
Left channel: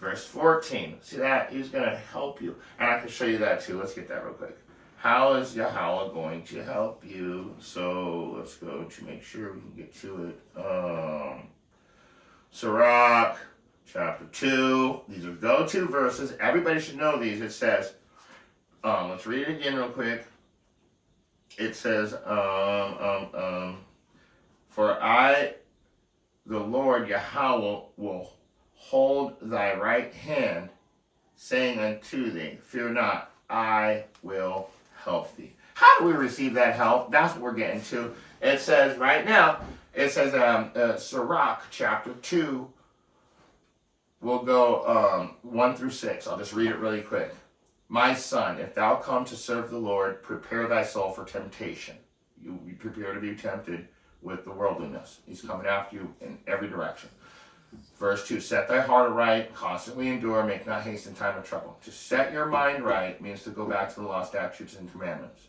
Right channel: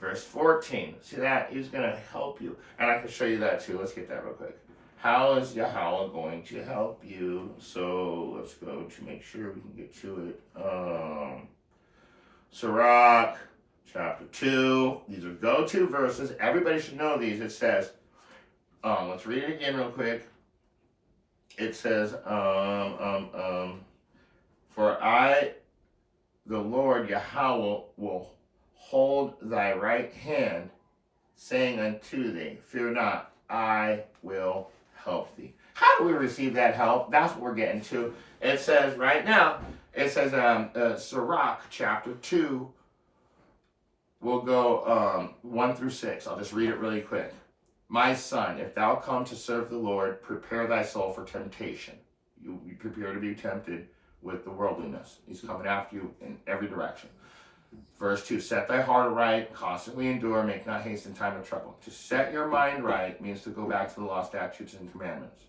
Verse 14. See that? He's going to help you. And I can show you that too. Let's get that real quick. How is Yahweh going to help you? So let's go to make sure we can get to it. Sirach, chapter 2. These are go-to verses. Everybody should know these. It says, let's read it again real quick. It says, for I, the Lord Yahweh, will hold thy right hand, saying unto thee, fear not, I will help thee. How do we receive that help? That's what we're getting to. It says right now, it says Sirach chapter 2, we'll go 1 through 6. I'll just read it really quick. My son, if thou come to serve the Lord, prepare thy soul for temptation. You prepare to be tempted with the worldliness. He's coming after you in every direction. Verse 2, set thy heart aright, constantly endure, make not haste in time of trouble. To set your mind right means to go back to the law, statutes, and commandments.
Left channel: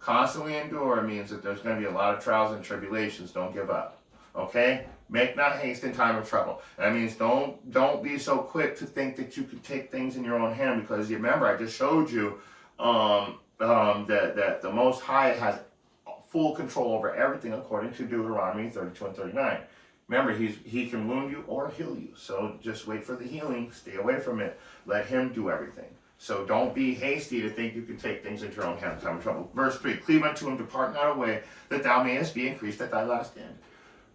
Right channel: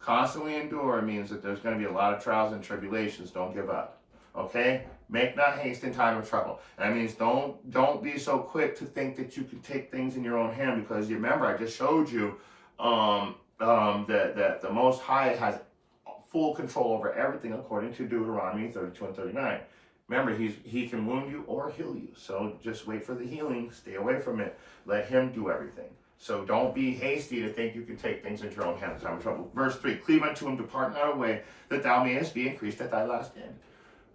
Constantly endure means that there's going to be a lot of trials and tribulations. Don't give up. Okay? Make not haste in time of trouble. That means don't be so quick to think that you can take things in your own hand, because you remember I just showed you that the Most High has full control over everything according to Deuteronomy 32 and 39. Remember, he can wound you or heal you. So just wait for the healing. Stay away from it. Let him do everything. So don't be hasty to think you can take things into your own hands in time of trouble. Verse 3, cleave unto him, depart not away, that thou mayest be increased at thy last end.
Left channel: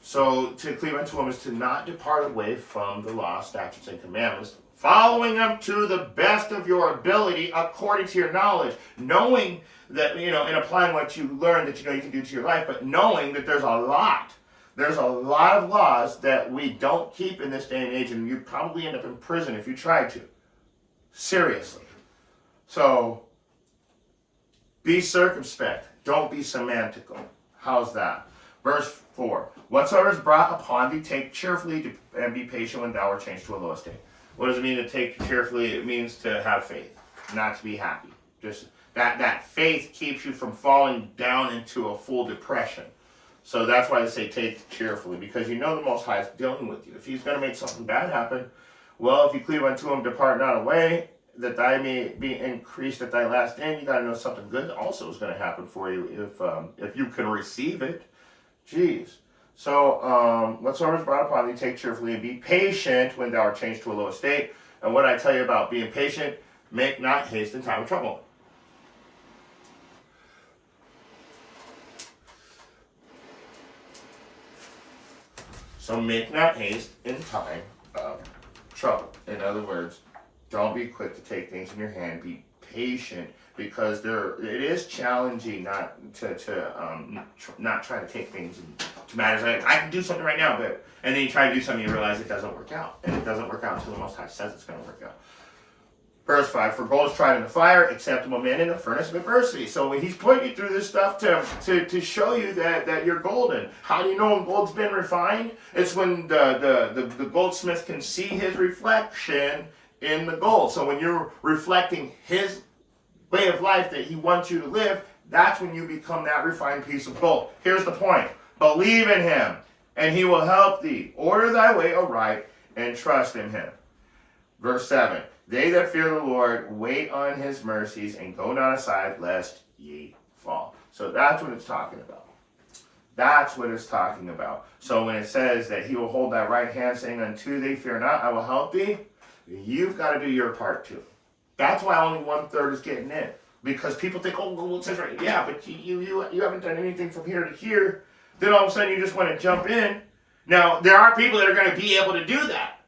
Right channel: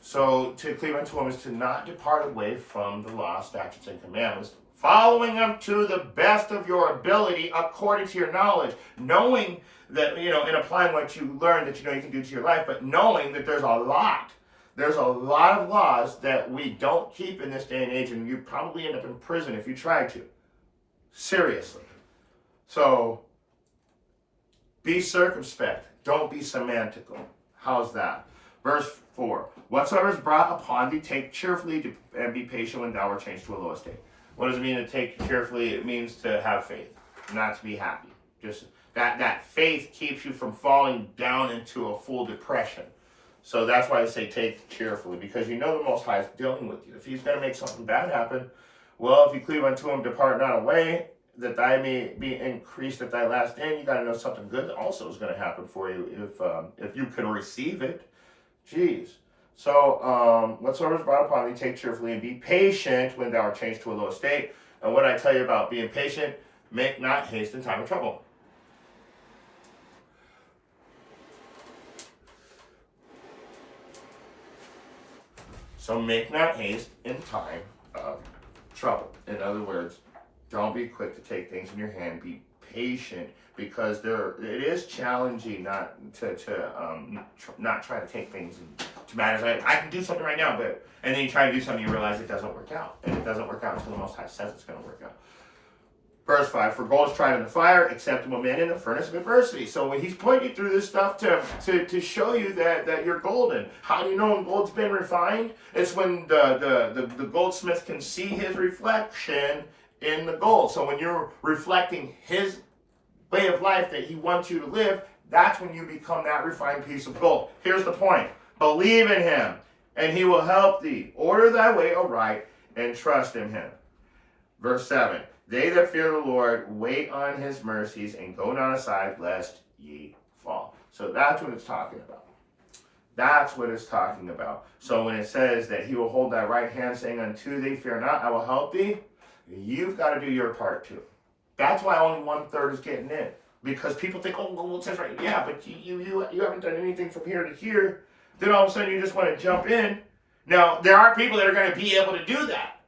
So to cleave unto him is to not depart away from the law, statutes, and commandments, following them to the best of your ability according to your knowledge, knowing that, and applying what you learn that you can do to your life, but knowing that there's a lot of laws that we don't keep in this day and age, and you'd probably end up in prison if you tried to. Seriously. So, be circumspect. Don't be semantical. How's that? Verse 4. Whatsoever is brought upon thee, take cheerfully and be patient when thou art changed to a low estate. What does it mean to take cheerfully? It means to have faith, not to be happy. Just that faith keeps you from falling down into a full depression. So that's why they say take cheerfully, because the Most High is dealing with you. If he's going to make something bad happen, well, if you cleave unto him, depart not away, that thy may be increased at thy last end. You got to know something good also is going to happen for you if you can receive it. Jeez. So whatsoever is brought upon thee, take cheerfully, and be patient when thou art changed to a low estate. And what I tell you about being patient, make not haste in time of trouble. So make not haste in time of trouble. In other words, don't be quick to take things in your hand. Be patient, because it is challenging not try to take things into matters. I can do something right now, and then you try to do something, you realize it doesn't work out, and it doesn't work out until the Most High says it's going to work out. Verse 5, for gold is tried in the fire, acceptable man in the furnace of adversity. So he's pointing you through this stuff to show you that you're golden. How do you know when gold's been refined? It's when the goldsmith can see his reflection in the gold. So when you're reflecting his way of life that he wants you to live, that's when you become that refined piece of gold. Here's the point. Believe in him, and he will help thee. Order thy way aright, and trust in him. Verse 7. They that fear the Lord wait on his mercies, and go not aside lest ye fall. So that's what it's talking about. That's what it's talking about. So when it says that he will hold thy right hand, saying unto thee, fear not, I will help thee, you've got to do your part too. That's why only 1/3 is getting in. Because people think, oh, well, it says right, yeah, but you haven't done anything from here to here. Then all of a sudden you just want to jump in. Now there are people that are going to be able to do that.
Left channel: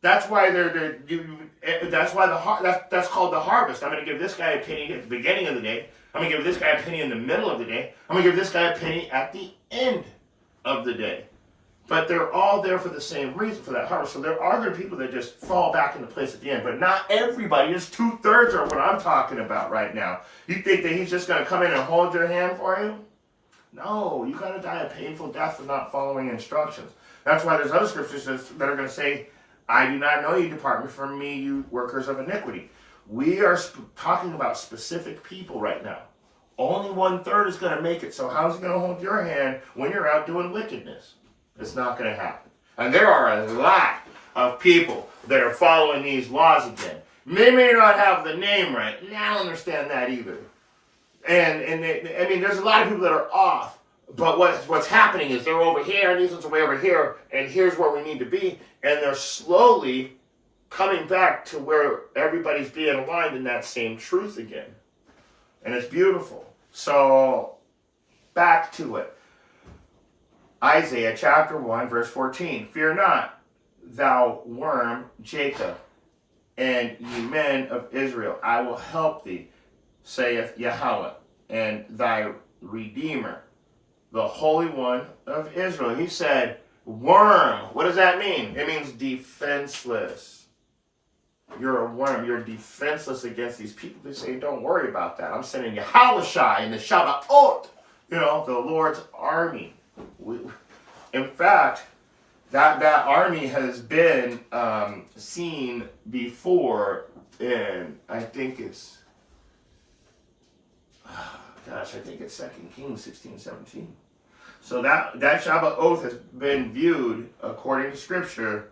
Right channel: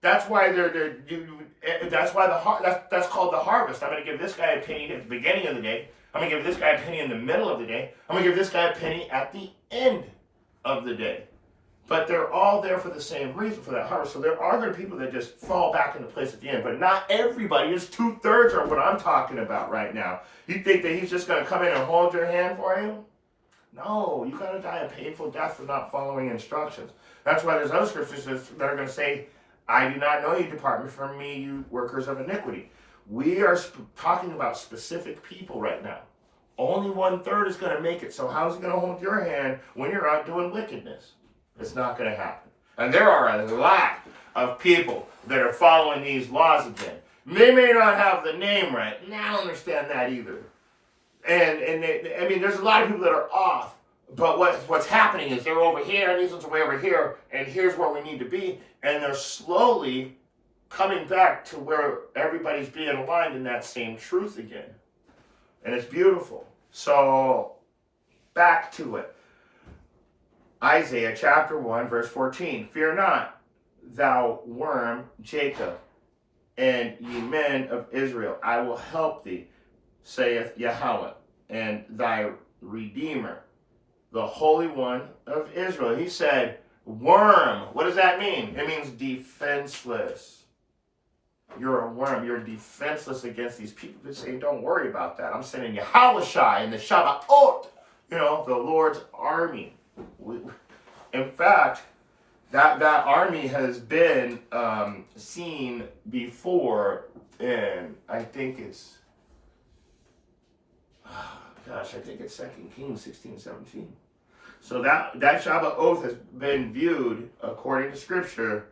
That's why that's why that's called the harvest. I'm going to give this guy a penny at the beginning of the day. I'm going to give this guy a penny in the middle of the day. I'm going to give this guy a penny at the end of the day. But they're all there for the same reason, for that harvest. So there are going to be people that just fall back into place at the end. But not everybody. It's 2/3 of what I'm talking about right now. You think that he's just going to come in and hold your hand for you? No, you got to die a painful death for not following instructions. That's why there's other scriptures that are going to say, I do not know you, depart from me, you workers of iniquity. We are talking about specific people right now. Only 1/3 is going to make it. So how's he going to hold your hand when you're out doing wickedness? It's not going to happen. And there are a lot of people that are following these laws again. They may not have the name right. And I don't understand that either. And there's a lot of people that are off. But what's happening is they're over here, and these ones are way over here, and here's where we need to be. And they're slowly coming back to where everybody's being aligned in that same truth again. And it's beautiful. So, back to it. Isaiah chapter 1, verse 14. Fear not, thou worm Jacob, and ye men of Israel. I will help thee, saith Yahweh, and thy Redeemer, the Holy One of Israel. He said, worm. What does that mean? It means defenseless. You're a worm. You're defenseless against these people. They say, don't worry about that. I'm sending Yahushua and the Shabbat, the Lord's army. In fact, that army has been seen before in, I think it's 2 Kings 16:17. So that Shabbat oath has been viewed according to Scripture.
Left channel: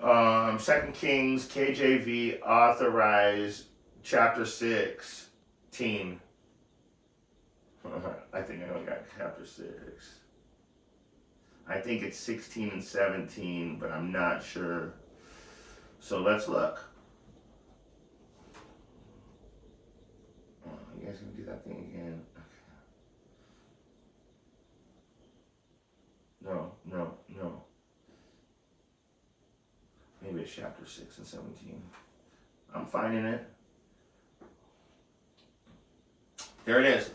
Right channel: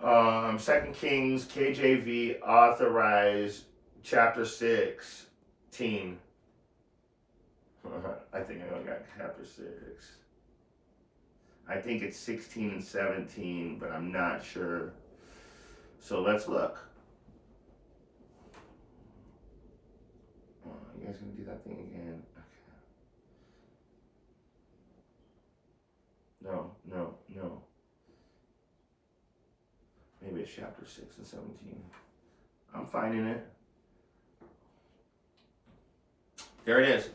2 Kings KJV authorized chapter 16. I think I only got chapter 6. I think it's 16 and 17, but I'm not sure. So let's look. Oh, you guys gonna do that thing again? Okay. No. Maybe it's chapter 6 and 17. I'm finding it. There it is.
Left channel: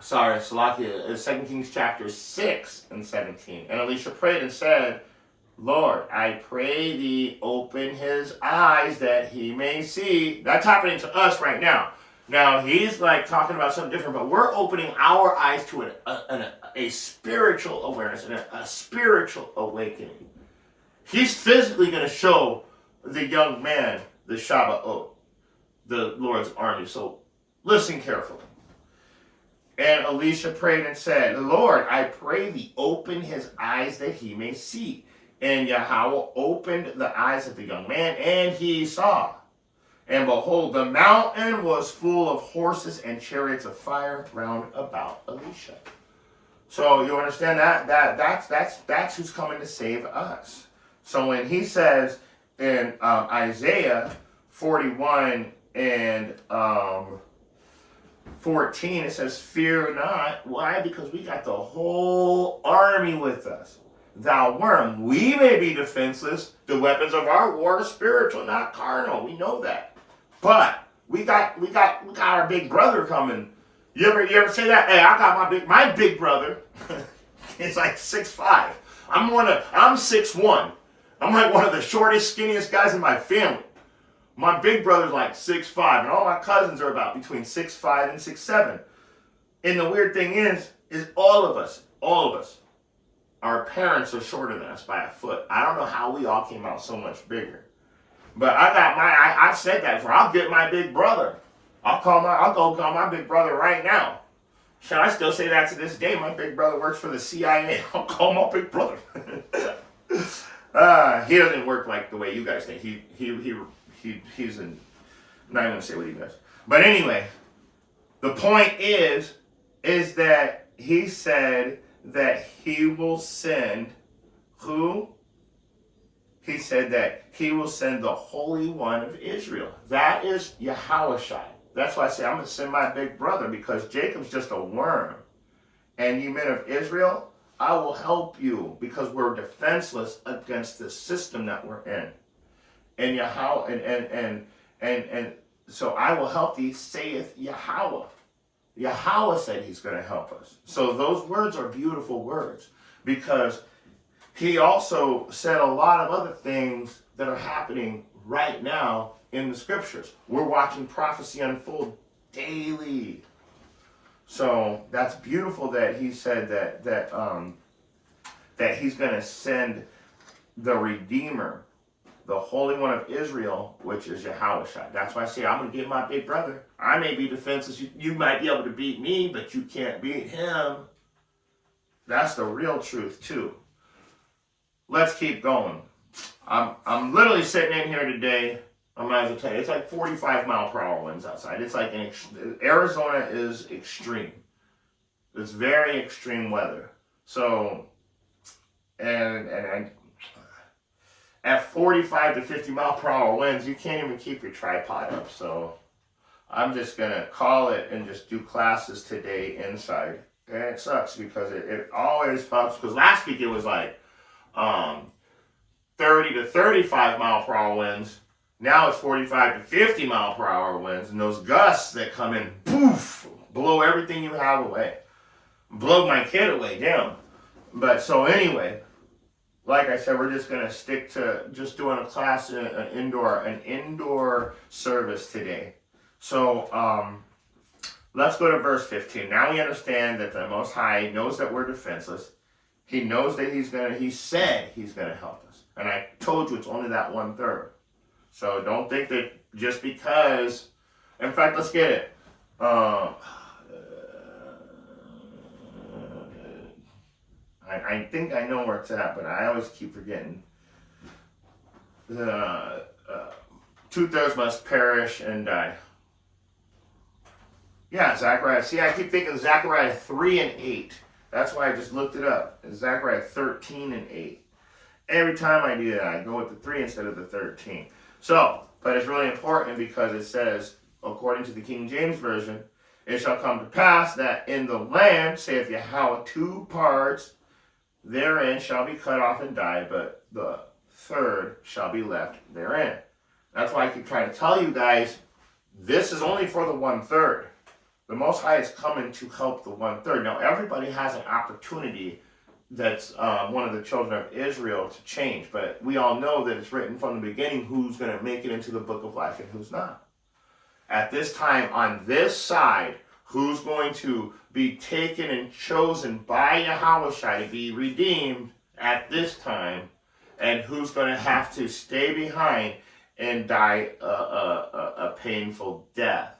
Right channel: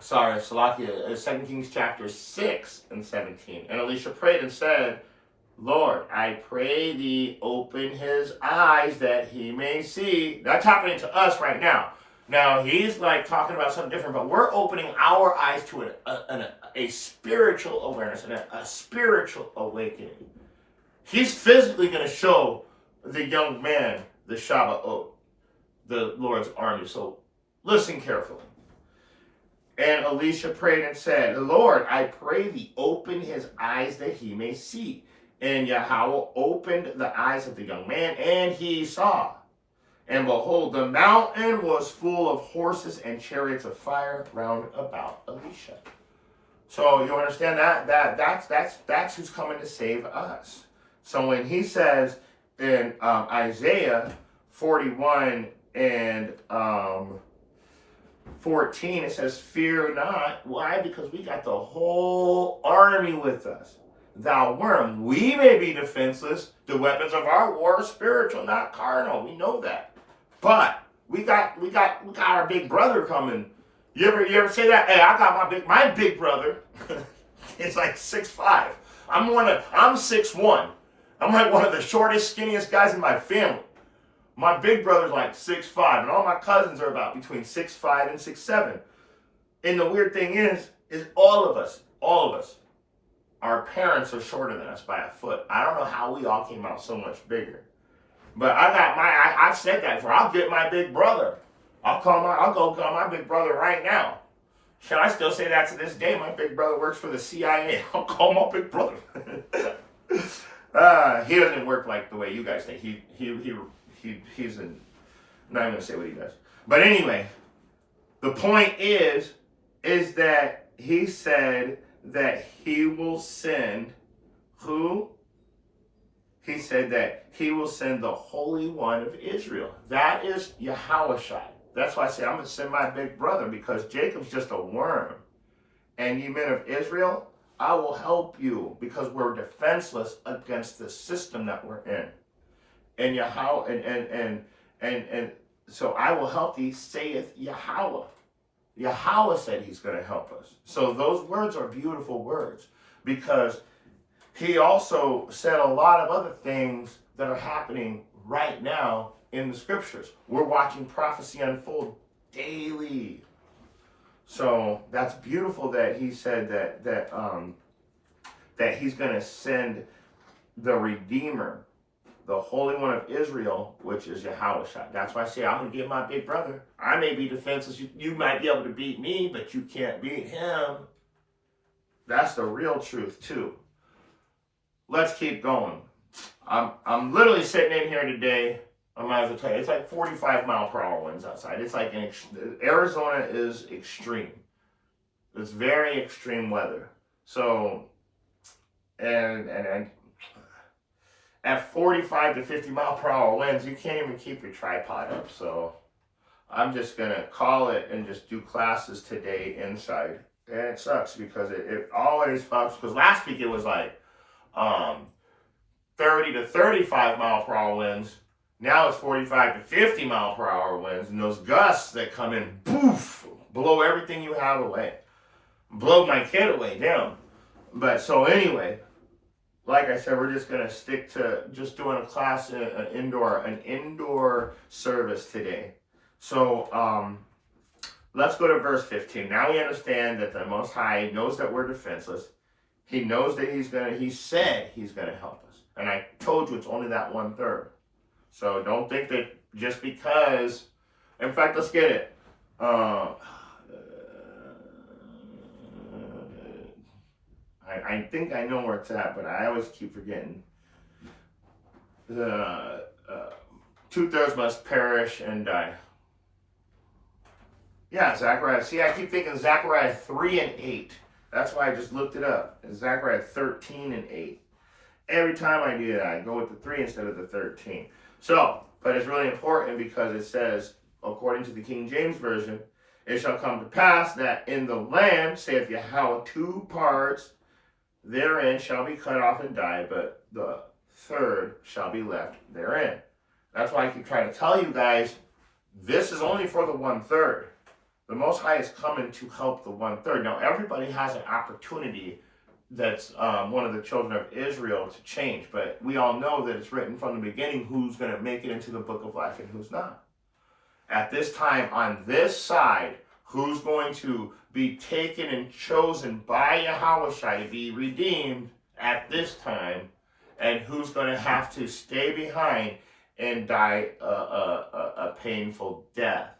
Sorry, Salakia, 2 Kings chapter 6 and 17. And Elisha prayed and said, Lord, I pray thee open his eyes that he may see. That's happening to us right now. Now, he's like talking about something different, but we're opening our eyes to a spiritual awareness and a spiritual awakening. He's physically going to show the young man the Shabbat, the Lord's army. So listen carefully. And Elisha prayed and said, Lord, I pray thee, open his eyes that he may see. And Yahweh opened the eyes of the young man, and he saw. And behold, the mountain was full of horses and chariots of fire round about Elisha. So you understand that's who's coming to save us. So when he says in Isaiah 41 and 14, it says, fear not. Why? Because we got the whole army with us. Thou worm, we may be defenseless. The weapons of our war are spiritual, not carnal. We know that. But we got our big brother coming. You ever say that? Hey, I got my big brother. It's like 6'5". I'm 6'1". I'm like one of the shortest, skinniest guys in my family. My big brother's like 6'5", and all my cousins are about between 6'5" and 6'7". And the weird thing is all of us, our parents are shorter than us by a foot. I don't know how we all came out so much bigger. But I've said that before. I'll get my big brother. I'll go call my big brother right now. Should I still say that to this day? My big brother works for the CIA. I'll call my big brother. He doesn't work like the way you guys think. He's in. I'm not even gonna say what he does. But anyway, the point is that he said that he will send who? He said that he will send the Holy One of Israel. That is Yahushua. That's why I say I'm going to send my big brother, because Jacob's just a worm. And you men of Israel, I will help you, because we're defenseless against the system that we're in. And Yahweh, and so I will help thee, saith Yahweh. Yahweh said he's going to help us. So those words are beautiful words, because he also said a lot of other things that are happening right now in the scriptures. We're watching prophecy unfold daily. So that's beautiful that he said that he's going to send the Redeemer, the Holy One of Israel, which is Yahushua. That's why I say I'm going to get my big brother. I may be defenseless. You might be able to beat me, but you can't beat him. That's the real truth too. Let's keep going. I'm literally sitting in here today. I might as well tell you, it's like 45-mile-per-hour winds outside. It's like Arizona is extreme. It's very extreme weather. So, and at 45 to 50-mile-per-hour winds, you can't even keep your tripod up. So I'm just going to call it and just do classes today inside. And it sucks because it always fucks. Because last week it was like 30 to 35-mile-per-hour winds. Now it's 45 to 50-mile-per-hour winds. And those gusts that come in, poof, blow everything you have away. Blow my kid away, damn. But so anyway, like I said, we're just going to stick to just doing a class, an indoor service today. So let's go to verse 15. Now we understand that the Most High knows that we're defenseless. He knows that he said he's going to help us. And I told you it's only that 1/3. So don't think that just because, in fact, let's get it. I think I know where it's at, but I always keep forgetting. The 2/3 must perish and die. Yeah, Zechariah. See, I keep thinking Zechariah 3 and 8. That's why I just looked it up. It's Zechariah 13 and 8. Every time I do that, I go with the 3 instead of the 13. So, but it's really important because it says, according to the King James Version, it shall come to pass that in the land, saith Yahweh, 2 parts therein shall be cut off and die, but the 3rd shall be left therein. That's why I keep trying to tell you guys, this is only for the 1/3. The Most High is coming to help the 1/3. Now, everybody has an opportunity that's one of the children of Israel to change, but we all know that it's written from the beginning who's going to make it into the book of life and who's not. At this time, on this side, who's going to be taken and chosen by Yahushua to be redeemed at this time, and who's going to have to stay behind and die a painful death.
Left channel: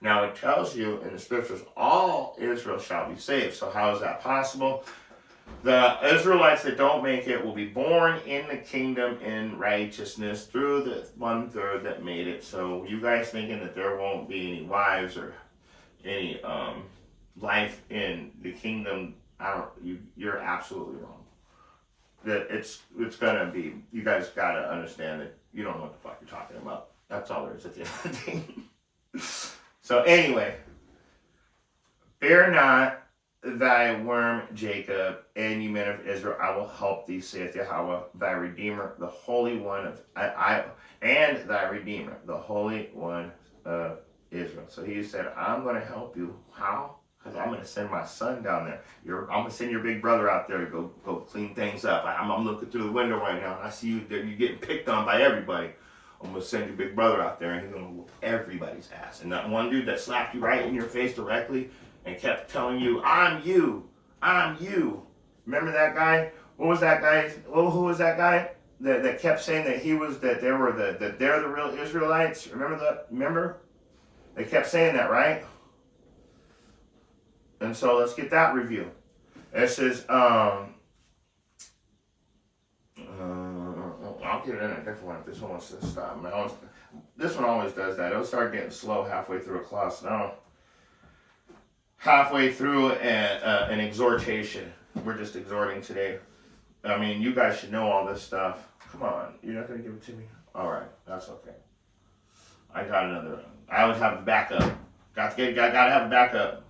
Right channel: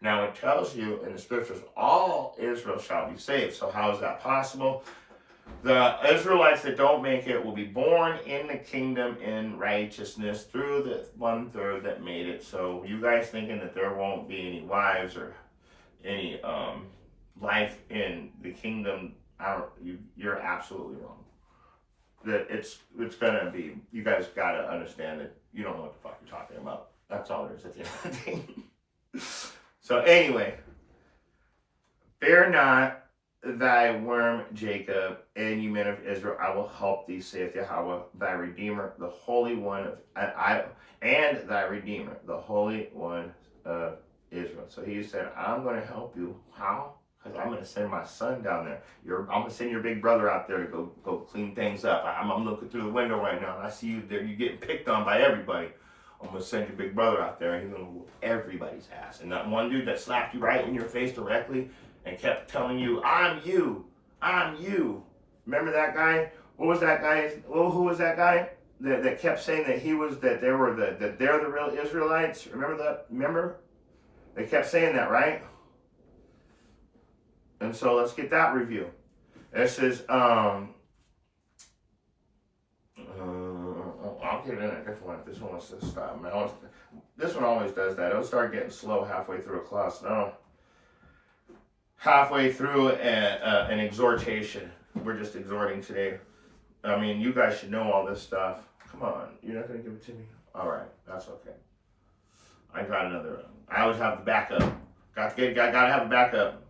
Now it tells you in the scriptures, all Israel shall be saved. So how is that possible? The Israelites that don't make it will be born in the kingdom in righteousness through the 1/3 that made it. So you guys thinking that there won't be any wives or any life in the kingdom, you're absolutely wrong. That it's gonna be, you guys gotta understand that you don't know what the fuck you're talking about. That's all there is at the end of the day. So anyway, fear not thy worm Jacob, and you men of Israel, I will help thee, saith Yahweh, thy Redeemer, the Holy One of and thy Redeemer, the Holy One of Israel. So he said, I'm going to help you. How? Because I'm going to send my son down there. I'm going to send your big brother out there to go clean things up. I'm looking through the window right now, and I see you there. You're getting picked on by everybody. I'm going to send your big brother out there, and he's going to whoop everybody's ass. And that one dude that slapped you right in your face directly and kept telling you, I'm you. Remember that guy? What was that guy? Well, who was that guy that kept saying that they're the real Israelites? Remember that? Remember? They kept saying that, right? And so let's get that review. It says, I'll get it in a different one. This one wants to stop. This one always does that. It'll start getting slow halfway through a class. No. Halfway through an exhortation. We're just exhorting today. I mean, you guys should know all this stuff. Come on. You're not going to give it to me? All right. That's okay. I got another. I always have the backup. Gotta have a backup.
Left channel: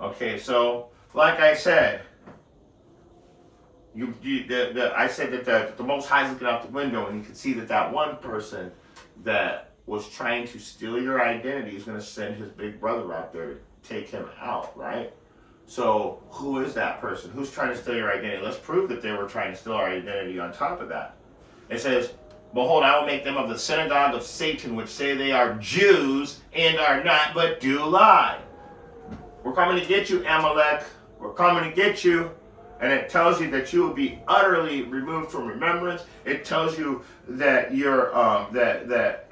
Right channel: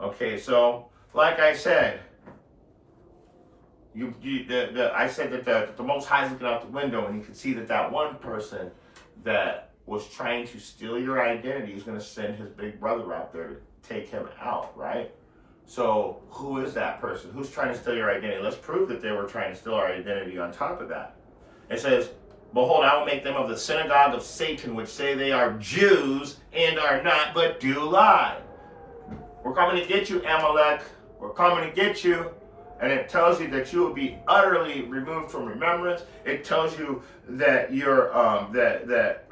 Okay, so like I said, I said that the Most High is looking out the window, and you can see that one person that was trying to steal your identity is going to send his big brother out there to take him out, right? So who is that person? Who's trying to steal your identity? Let's prove that they were trying to steal our identity on top of that. It says, behold, I will make them of the synagogue of Satan, which say they are Jews and are not, but do lie. We're coming to get you, Amalek. We're coming to get you. And it tells you that you will be utterly removed from remembrance. It tells you that you're that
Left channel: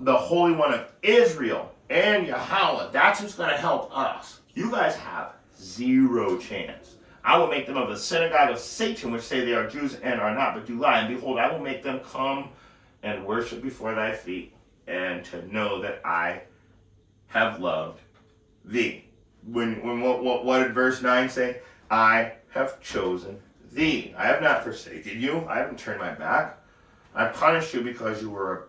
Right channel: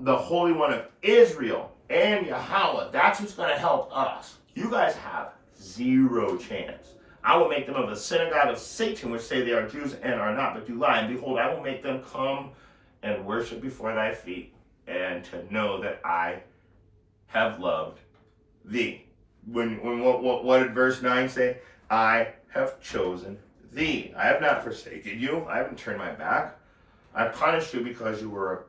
the Holy One of Israel and Yahweh, that's who's going to help us. You guys have zero chance. I will make them of the synagogue of Satan, which say they are Jews and are not, but do lie. And behold, I will make them come and worship before thy feet, and to know that I have loved thee. What did verse 9 say? I have chosen thee. I have not forsaken you. I haven't turned my back. I punished you because we were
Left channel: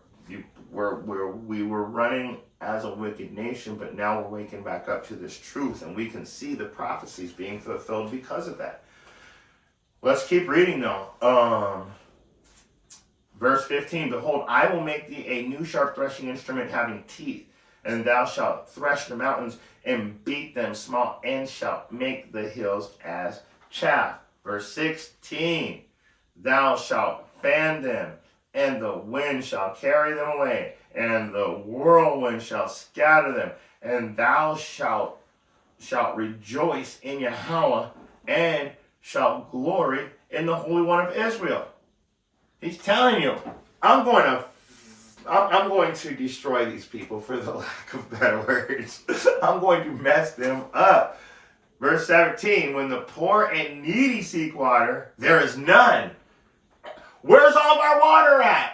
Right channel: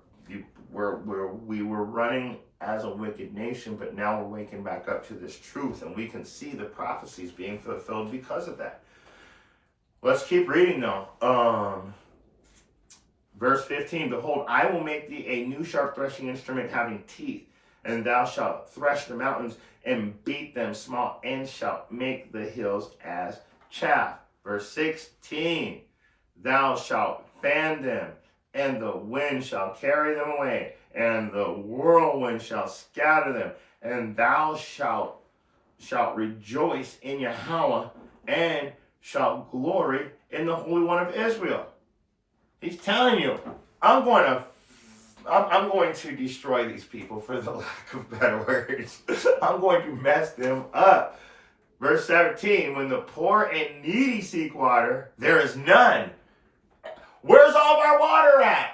running as a wicked nation, but now we're waking back up to this truth, and we can see the prophecies being fulfilled because of that. Let's keep reading though. Verse 15, behold, I will make thee a new sharp threshing instrument having teeth, and thou shalt thresh the mountains and beat them small, and shalt make the hills as chaff. Verse 16, thou shalt fan them, and the wind shall carry them away, and the whirlwind shall scatter them, and thou shalt rejoice in Yahweh, and shalt glory in the Holy One of Israel. He's telling you, I'm going to destroy these people, for the lack of better words. I'm going to mess them up. Verse 17, when the poor and needy seek water, there is none. Where's all of our water at?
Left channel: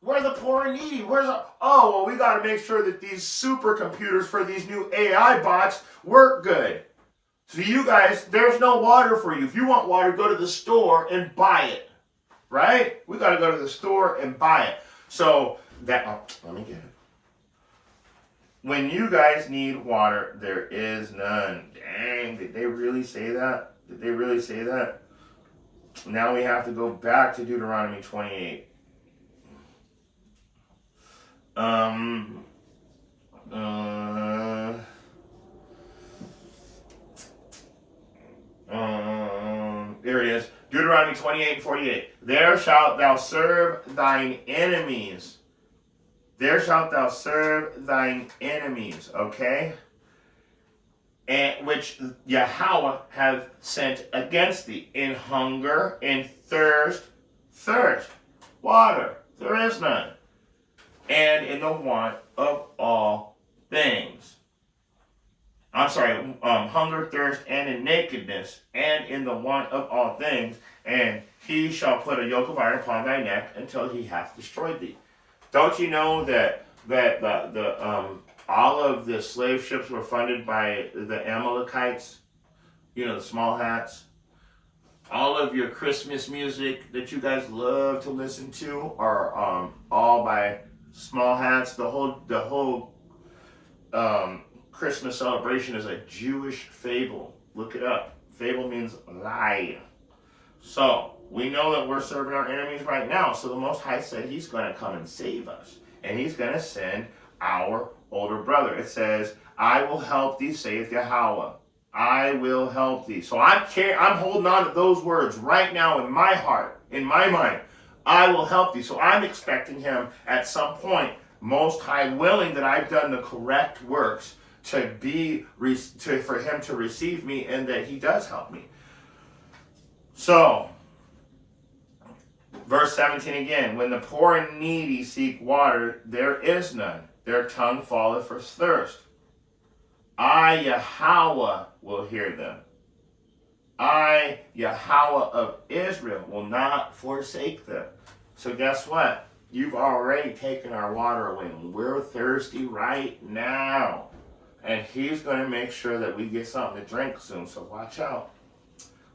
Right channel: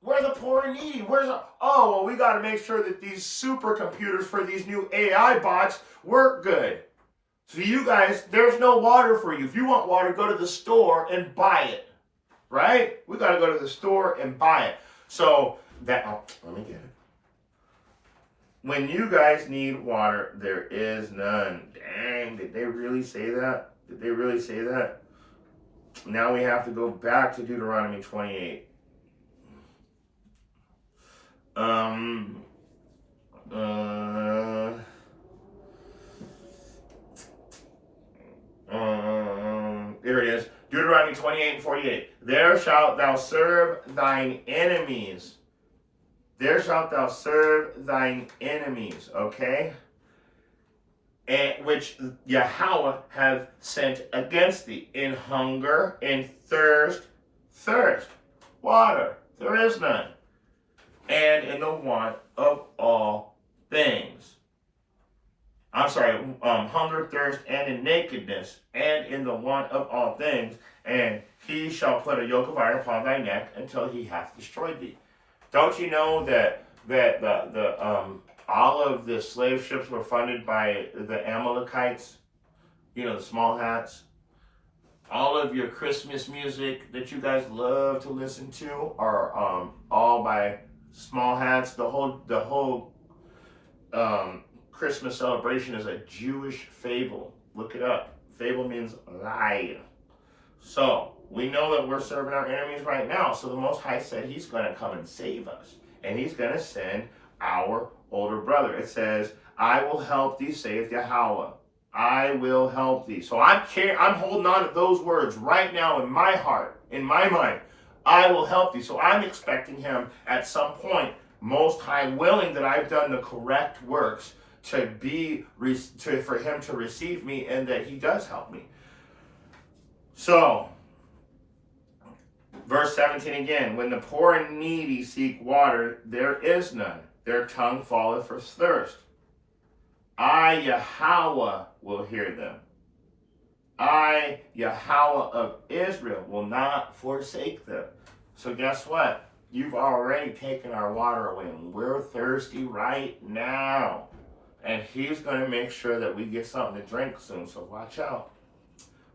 Where are the poor and needy? We got to make sure that these supercomputers for these new AI bots work good. So you guys, there's no water for you. If you want water, go to the store and buy it. Right? We got to go to the store and buy it. So let me get it. When you guys need water, there is none. Dang, did they really say that? Did they really say that? Now we have to go back to Deuteronomy 28. There it is. Deuteronomy 28:48. There shalt thou serve thine enemies. There shalt thou serve thine enemies, okay? And which Yahweh hath sent against thee in hunger, in thirst, water, there is none, and in the want of all things. Hunger, thirst, and in nakedness, and in the want of all things, and he shall put a yoke of iron upon thy neck until he hath destroyed thee. Don't you know that all of the slave ships were funded by the Amalekites? You know, the small hats. All of your Christmas music that you guys love to listen to are all by small hats. The whole Christmas celebration is a Jewish fable. Look it up. Fable means lie. So we know that we're serving our enemies right now. So the Most High said he's going to come and save us. And he's going to send our older brother. It says, I will help thee, saith Yahweh. I will help thee. So I'm holding on to those words right now in my heart, in my mind. I will help thee. So I'm expecting him at some point, Most High willing, that I've done the correct works for him to receive me, and that he does help me. So, verse 17 again, when the poor and needy seek water, there is none. Their tongue falleth for thirst. I, Yahweh, will hear them. I, Yahweh of Israel, will not forsake them. So guess what? You've already taken our water away, and we're thirsty right now. And he's going to make sure that we get something to drink soon. So watch out.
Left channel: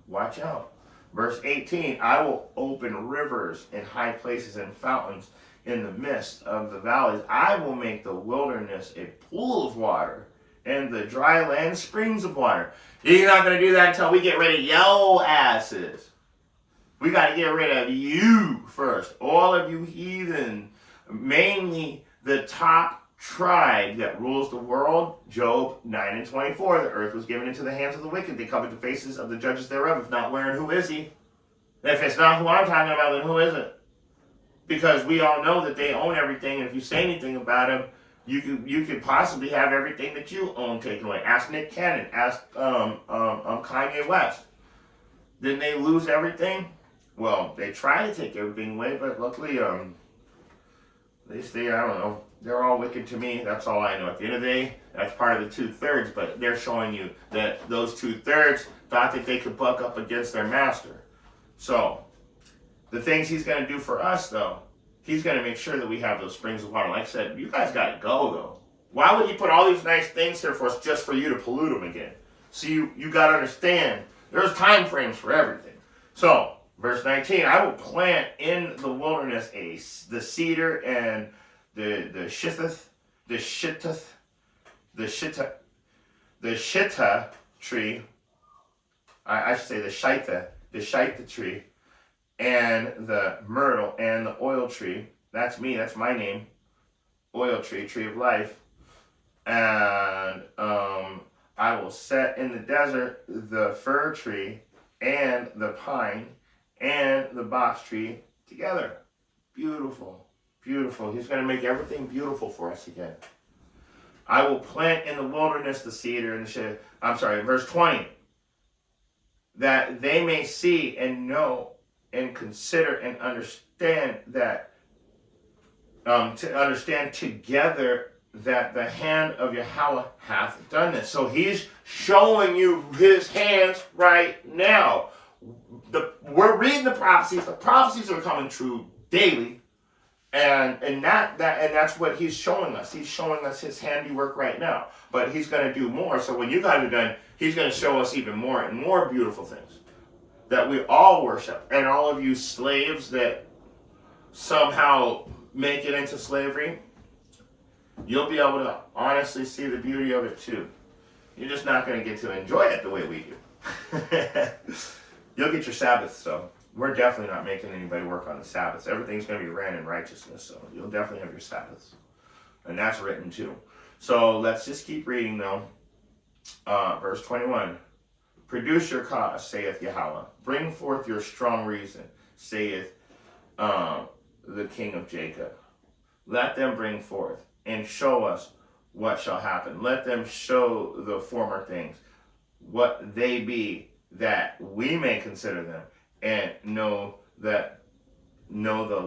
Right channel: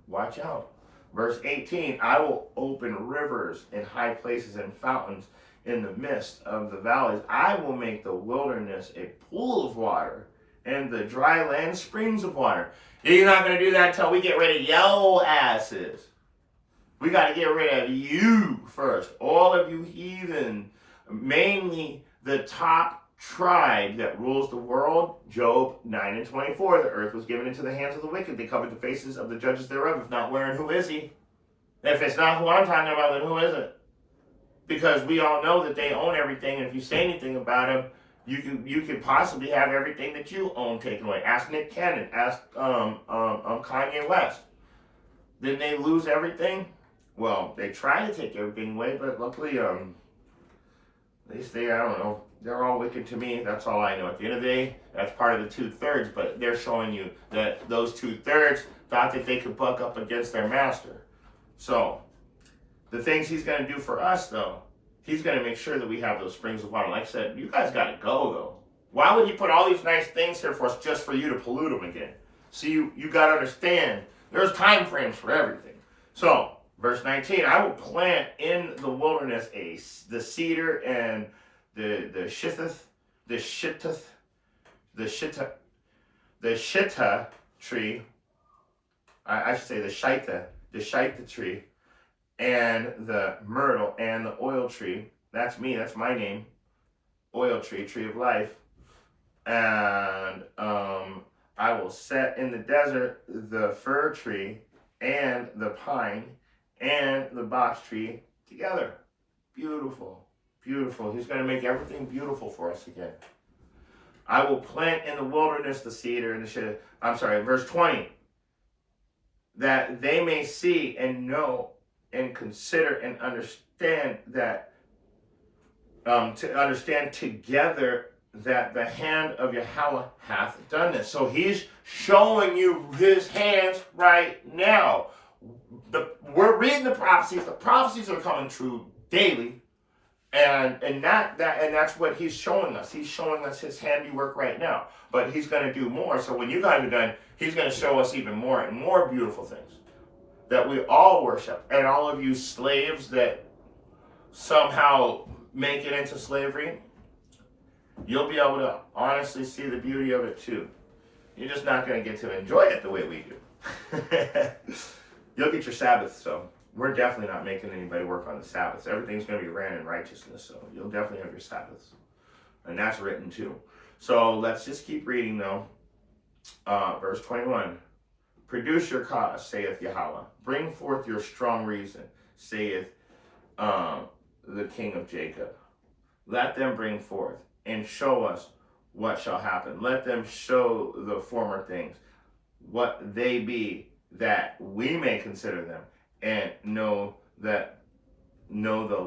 Watch out. Verse 18, I will open rivers in high places and fountains in the midst of the valleys. I will make the wilderness a pool of water and the dry land springs of water. You're not going to do that until we get rid of yo asses. We got to get rid of you first. All of you heathen, mainly the top tribe that rules the world. Job 9 and 24. The earth was given into the hands of the wicked. They covered the faces of the judges thereof. If not where and who is he? If it's not who I'm talking about, then who is it? Because we all know that they own everything. And if you say anything about them, you could possibly have everything that you own taken away. Ask Nick Cannon. Ask Kanye West. Didn't they lose everything? Well, they try to take everything away, but luckily, they stay, I don't know, they're all wicked to me. That's all I know. At the end of the day, that's part of the 2/3, but they're showing you that those 2/3 thought that they could buck up against their master. So, the things he's going to do for us, though, he's going to make sure that we have those springs of water. Like I said, you guys got to go, though. Why would he put all these nice things here for us just for you to pollute them again? So you got to understand, there's time frames for everything. So, verse 19, I will plant in the wilderness the cedar and the shittah tree. I should say the shitha tree, and the myrtle and the oil tree. That's me. That's my name. Oil tree, tree of life. And I will set in the desert the fir tree and the pine and the box tree together. Beautiful, beautiful. He's going to make everything beautiful for us again. I will plant in the wilderness the cedar and the shit. I'm sorry, verse 20. That they may see and know and consider and understand that, to understand together that the hand of Yahweh hath done this. So he's showing you his hands right now. We're reading the prophecies. The prophecies are coming true daily, and that's what he's showing us. He's showing us his handiwork right now. But he's going to do more. So when you guys are done, he's going to show us even more and more beautiful things that we all worship. And all of you slaves that somehow make it into slavery, you'll be able to honestly see the beauty of it too. You're just not going to get to enjoy it the way we do. You'll get your Sabbaths, so we're definitely not making anybody work on the Sabbaths. Everything's going to be ran in righteousness, so you'll definitely have your Sabbaths. And that's written too. So let's just keep reading though. Verse 21. Produce your cause, saith Yahweh. Bring forth your strong reason, saith the King of Jacob. Let them bring forth and show us what shall happen. Let them show the former things, what they be, that we may consider them and know the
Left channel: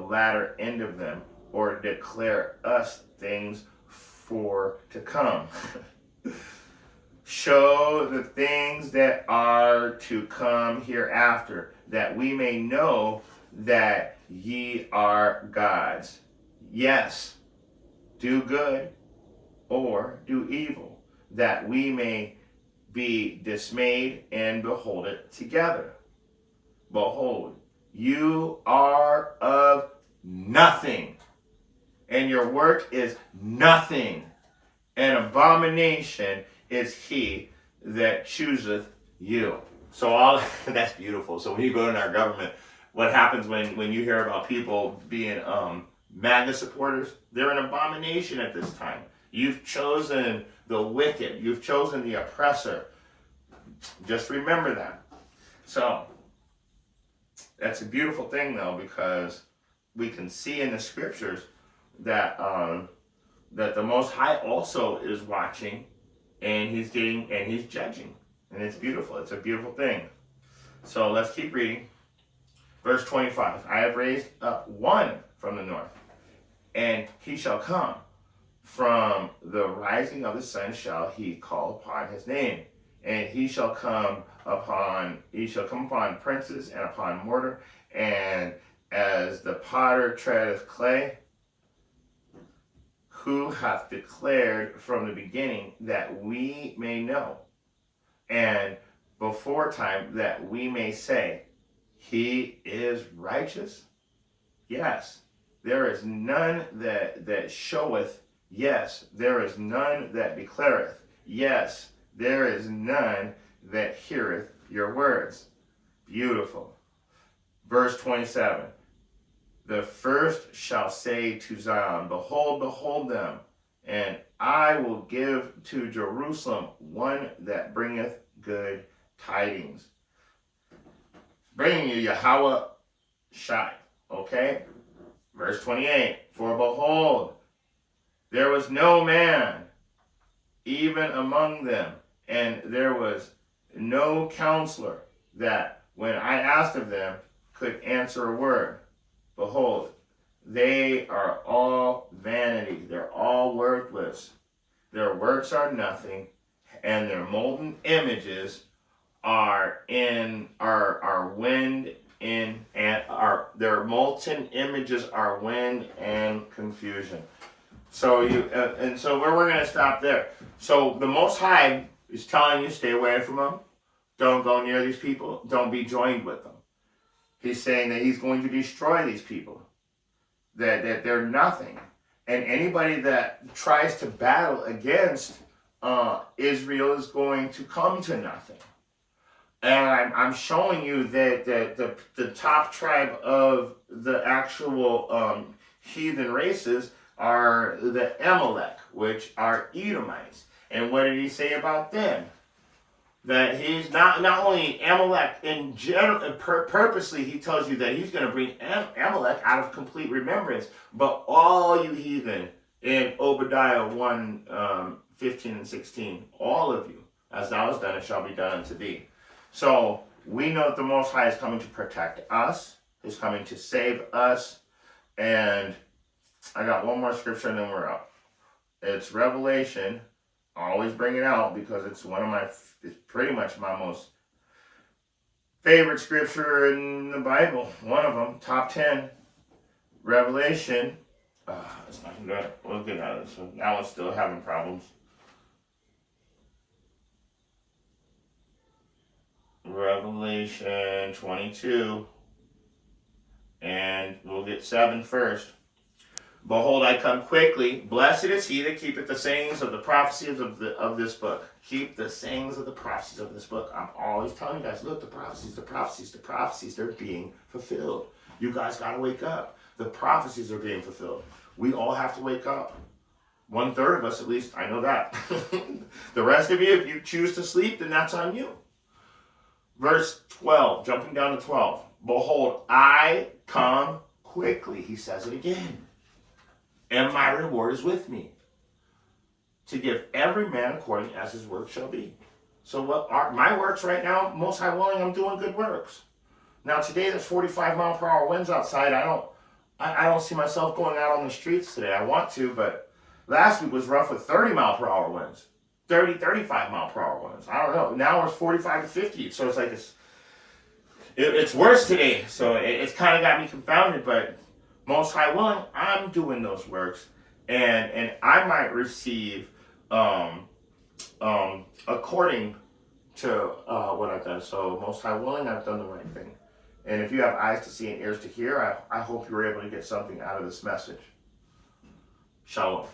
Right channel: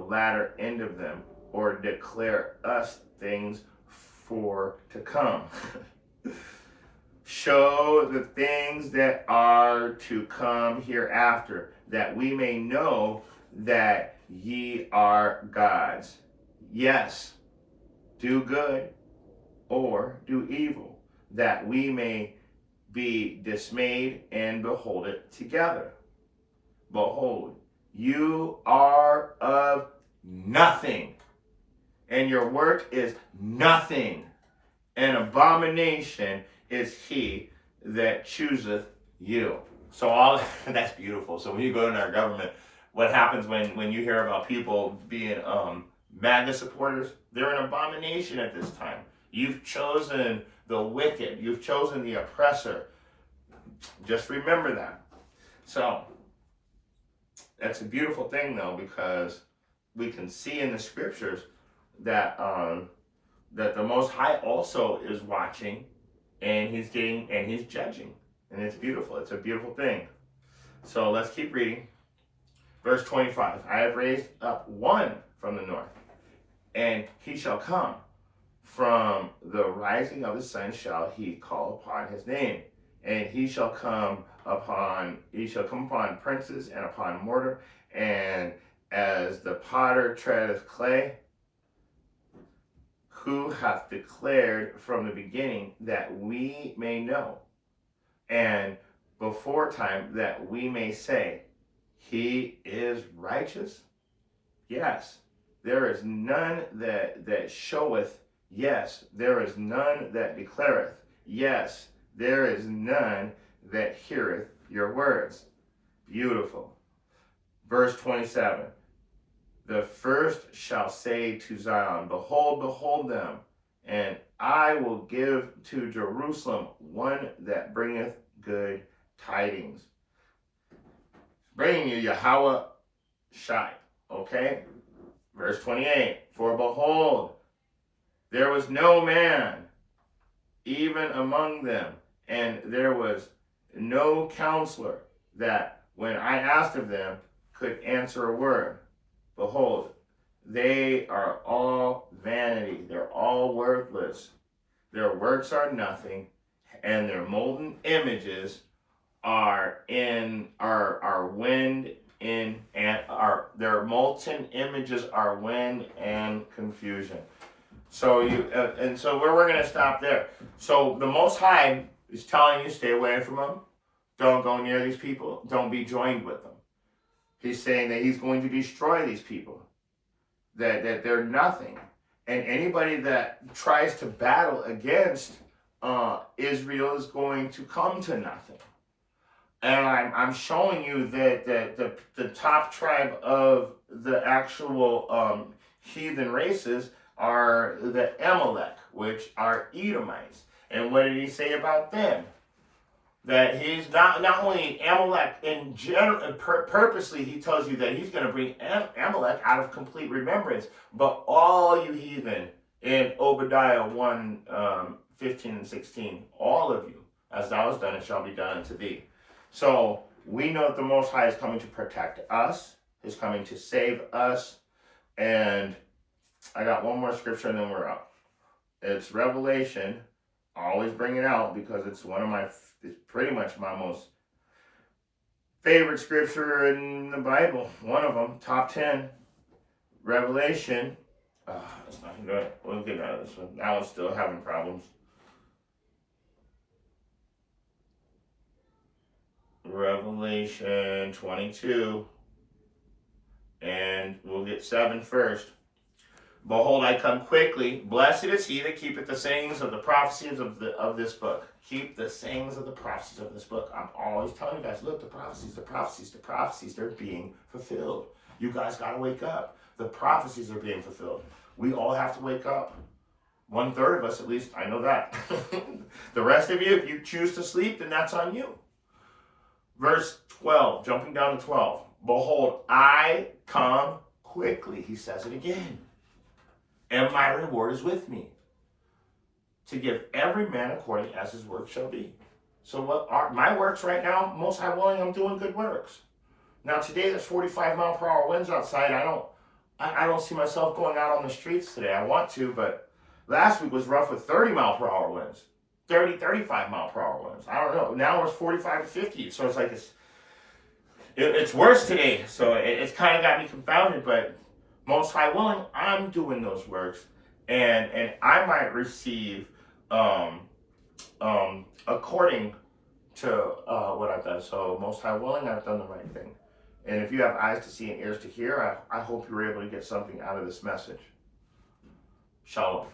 latter end of them, or declare us things for to come. Show the things that are to come hereafter, that we may know that ye are gods. Yes, do good or do evil, that we may be dismayed and behold it together. Behold, you are of nothing, and your work is nothing. An abomination is he that chooseth you. So all that's beautiful. So when you go in our government, what happens when you hear about people being MAGA supporters? They're an abomination at this time. You've chosen the wicked. You've chosen the oppressor. Just remember that. So that's a beautiful thing, though, because we can see in the scriptures that that the Most High also is watching, and he's judging, and it's beautiful. It's a beautiful thing. So let's keep reading. Verse 25. I have raised up one from the north, and he shall come. From the rising of the sun shall he call upon his name, and he shall come upon princes and upon mortar, and as the potter treadeth clay, who hath declared from the beginning, that we may know, and before time that we may say, He is righteous? Yes. There is none that showeth. Yes. There is none that declareth. Yes. There is none that heareth your words. Beautiful. Verse 27. The first shall say to Zion, behold, behold them, and I will give to Jerusalem one that bringeth good tidings. Bringing you Yahweh Shai. Okay? Verse 28. For behold, there was no man even among them, and there was no counselor that, when I asked of them, could answer a word. Behold, they are all vanity. They're all worthless. Their works are nothing, and their molten images are wind in and their molten images are wind and confusion. So so we're going to stop there. So the Most High is telling you, stay away from them. Don't go near these people. Don't be joined with them. He's saying that he's going to destroy these people, that they're nothing. And anybody that tries to battle against Israel is going to come to nothing. And I'm showing you that the top tribe of the actual heathen races are the Amalek, which are Edomites. And what did he say about them? That he's not only Amalek in general, purposely he tells you that he's going to bring Amalek out of complete remembrance, but all you heathen in Obadiah 1, 15 and 16, all of you, as thou hast done, it shall be done unto thee. So we know that the Most High is coming to protect us, is coming to save us, and I got one more scripture and then we're up. It's Revelation. I always bring it out because it's it's pretty much my most favorite scripture in the Bible. One of them, top 10. Revelation. It's not good. We'll get out of this one. That one's still having problems. Revelation 22. And we'll get 7 first. Behold, I come quickly. Blessed is he that keepeth the sayings of the prophecies of this book. Keep the sayings of the prophecies of this book. I'm always telling you guys, look, the prophecies, they're being fulfilled. You guys got to wake up. The prophecies are being fulfilled. We all have to wake up. 1/3 of us, at least, I know that. The rest of you, if you choose to sleep, then that's on you. Verse 12, jumping down to 12. Behold, I come quickly. He says it again. And my reward is with me, to give every man according as his work shall be. So what are my works right now? Most High willing, I'm doing good works. Now today there's 45-mile-per-hour winds outside. I don't see myself going out on the streets today. I want to, but last week was rough with 30-mile-per-hour winds, 35-mile-per-hour winds. I don't know. Now it's 45 to 50. So it's like it's worse today. So it's kind of got me confounded, but Most High willing, I'm doing those works, and I might receive according to what I've done. So Most High willing, I've done the right thing. And if you have eyes to see and ears to hear, I hope you were able to get something out of this message. Shalom.